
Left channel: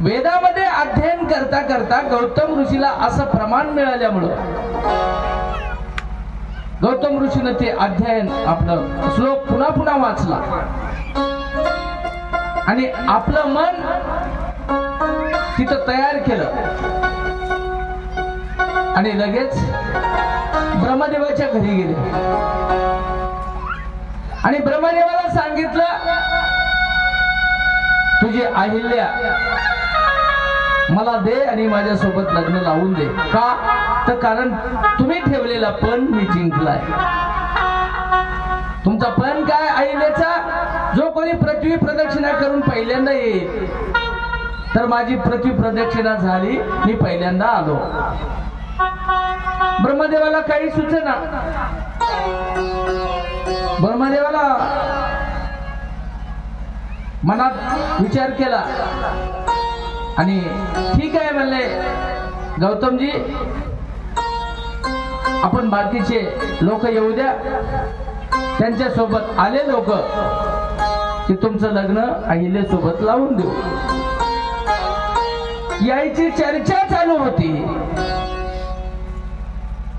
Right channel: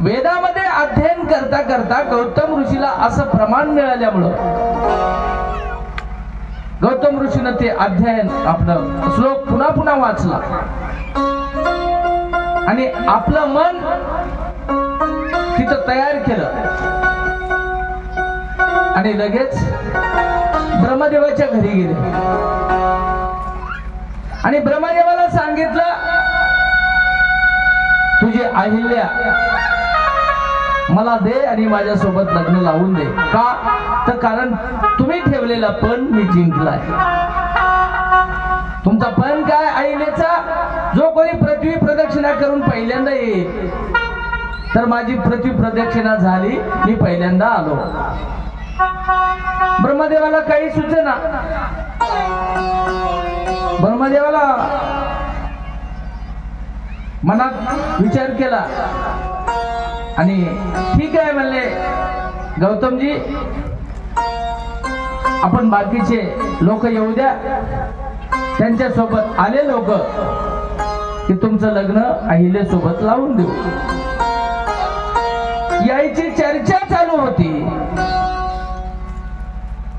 वेदामध्ये अध्ययन करता करता गौतम ऋषीला असं प्रमाण मिळाल्यामुळं गौतम ऋषीनं ते अध्ययन आपलं श्लोक पुन्हा पुन्हा वाचला आणि आपलं मन तिथं तयार केलं आणि लगेच ब्रह्मदेवाच्या घरी गेले आणि ब्रह्मदेवाला सांगितलं, तुझी अहिल्या मला दे आणि माझ्यासोबत लग्न लावून दे. का? तर कारण तुम्ही ठेवलेला पण मी जिंकलाय. तुमचा पण काय अहिल्याचा? जो कोणी पृथ्वी प्रदक्षिणा करून पहिल्यांदा येईल, तर माझी पृथ्वी प्रदक्षिणा झाली, मी पहिल्यांदा आलो. ब्रह्मदेवाला काही सुचेना. ब्रह्मदेवाला मनात विचार केला आणि ठीक आहे म्हणले, गौतमजी आपण बाकीचे लोक येऊ द्या, त्यांच्या सोबत आले लोक की तुमचं लग्न अहिल्यासोबत लावून देऊ. यायची चर्चा चालू होती.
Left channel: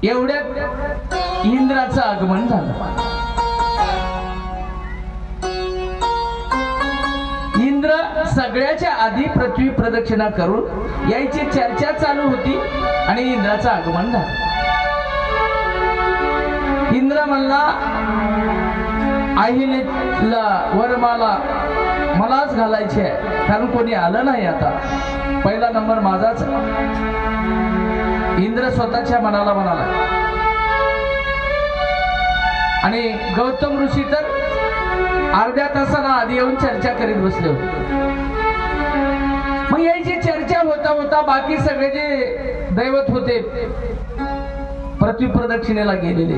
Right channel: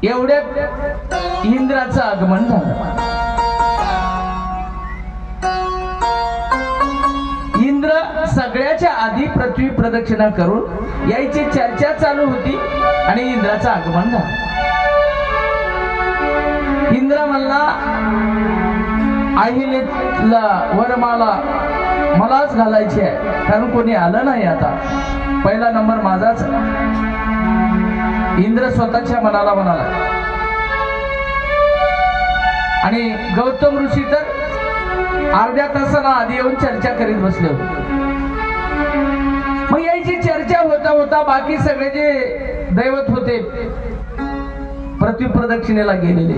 एवढ्यात इंद्राचं आगमन झालं. इंद्र सगळ्याच्या आधी पृथ्वी प्रदक्षिणा करून यायची चर्चा चालू होती आणि इंद्राचं आगमन झालं. इंद्र म्हणला, अहिल्याला वरमाला मलाच घालायची आहे, कारण कोणी आलं नाही, आता पहिला नंबर माझाच. इंद्र स्वतःच्या मनाला म्हणाला आणि गौतम ऋषी तर अर्ध्या तासाला आधी येऊन चर्चा करीत बसले होते. मग याची चर्चा होता होता बाकी सगळे जे दैवत होते पृथ्वी प्रदक्षिणेला गेलेले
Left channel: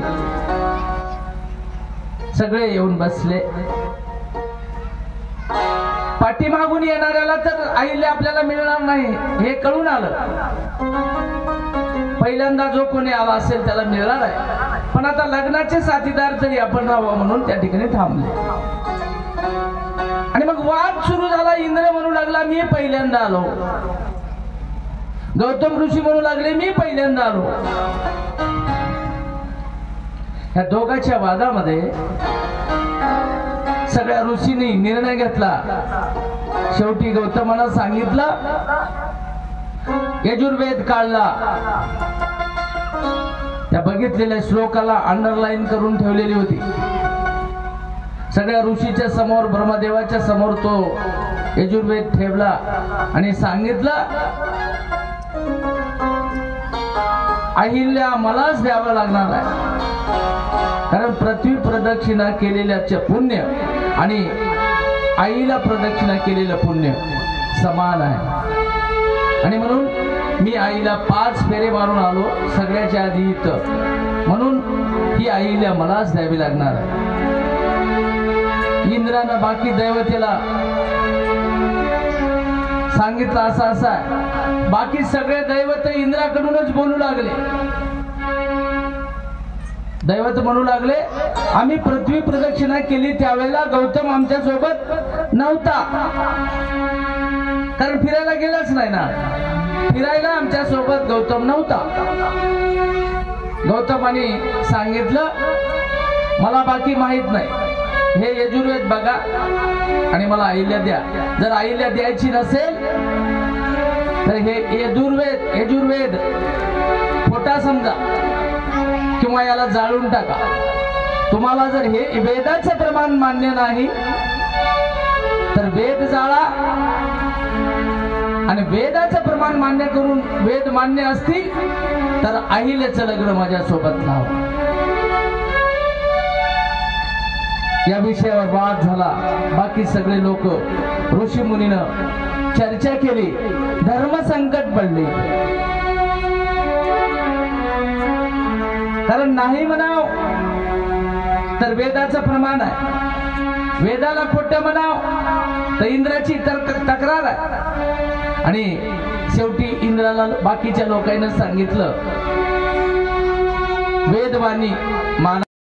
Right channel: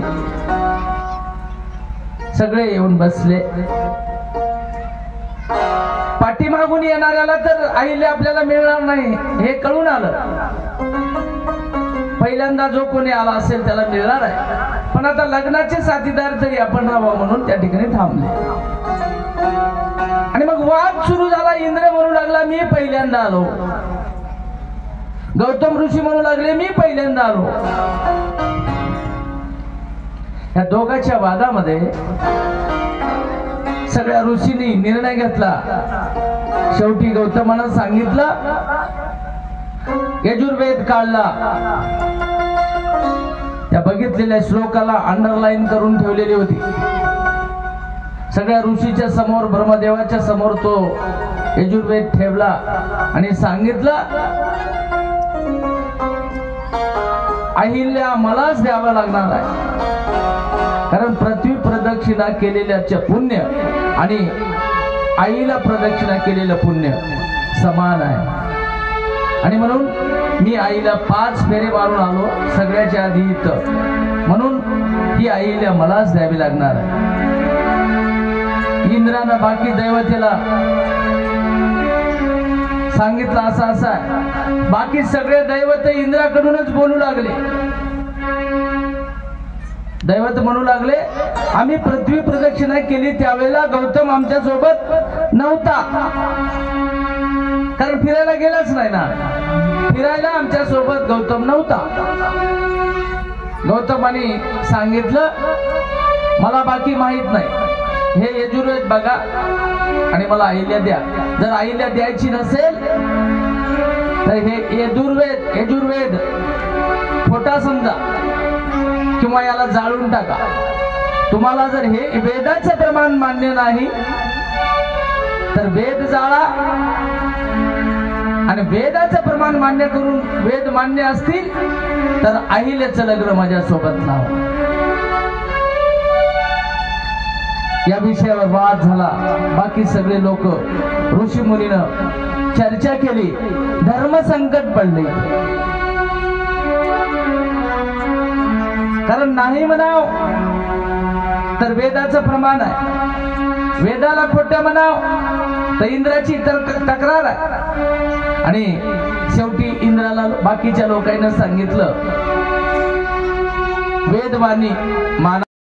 सगळे येऊन बसले. पाठीमागून येणाऱ्याला तर अहिल्या आपल्याला मिळणार नाही हे कळून आलं. पहिल्यांदा जो कोणी आला असेल त्याला मिळणार आहे, पण आता लग्नाचे साथीदार तरी आपण राहावं म्हणून त्या ठिकाणी थांबले. आणि मग वाद सुरू झाला. इंद्र म्हणू लागला, मी पहिल्यांदा आलो. गौतम ऋषी म्हणू लागले, मी पहिल्यांदा आलो. या दोघांच्या वादामध्ये सगळ्या ऋषींनी निर्णय घेतला, शेवटी गौतमानं सांगितलं, यजुर्वेद काढला. त्या बघितलेल्या श्लोकाला अंडरलाईन करून ठेवलेली होती. सगळ्या ऋषीच्या समोर, ब्रह्मदेवाच्या समोर तो यजुर्वेद ठेवला आणि सांगितलं, अहिल्या मलाच द्यावा लागणार आहे, कारण पृथ्वी प्रदक्षिणा केलेल्याचे पुण्य आणि आईला प्रदक्षिणा केलेलं पुण्य समान आहे. आणि म्हणून मी आईला 5 फेरे मारून आलो सगळ्याच्या आधी इथं, म्हणून ही आईला मलाच द्यावी लागणार आहे. इंद्रानं बाकी दैवतेला सांगितलं असं असं. बाकी सगळे दैवत इंद्राकडूनच बोलू लागले. दैवत म्हणू लागले, आम्ही पृथ्वी प्रदक्षिणा केली त्यावेळेला गौतम आमच्या सोबत नव्हता, कारण फिरायला गेलाच नाही ना. फिरायला आमच्या सोबत गौतम नव्हता. गौतमाने सांगितलं, मला बाकी माहित नाही, हे यजुर्वेद बघा आणि मला अहिल्या द्या. जर अहिल्या द्यायची नसेल तर हे यजुर्वेद खोटा समजा किंवा याला जाळून टाका. तुम्हाला जर हे वेदाचं प्रमाण मान्य नाही तर वेद जाळा, आणि वेदाचं प्रमाण मान्य करून वेद मान्य असतील तर अहिल्याचं लग्न माझ्या सोबत लावा. या विषयावर वाद झाला. बाकी सगळे लोक, ऋषी मुनीनं चर्चा केली. धर्म संकट पडले, कारण नाही म्हणाव तर वेदाचं प्रमाण आहे, वेदाला खोटं म्हणाव तर इंद्राची तक्रार आहे. आणि शेवटी इंद्राला बाकीच्या लोकांना सांगितलं, वेदवाणी मान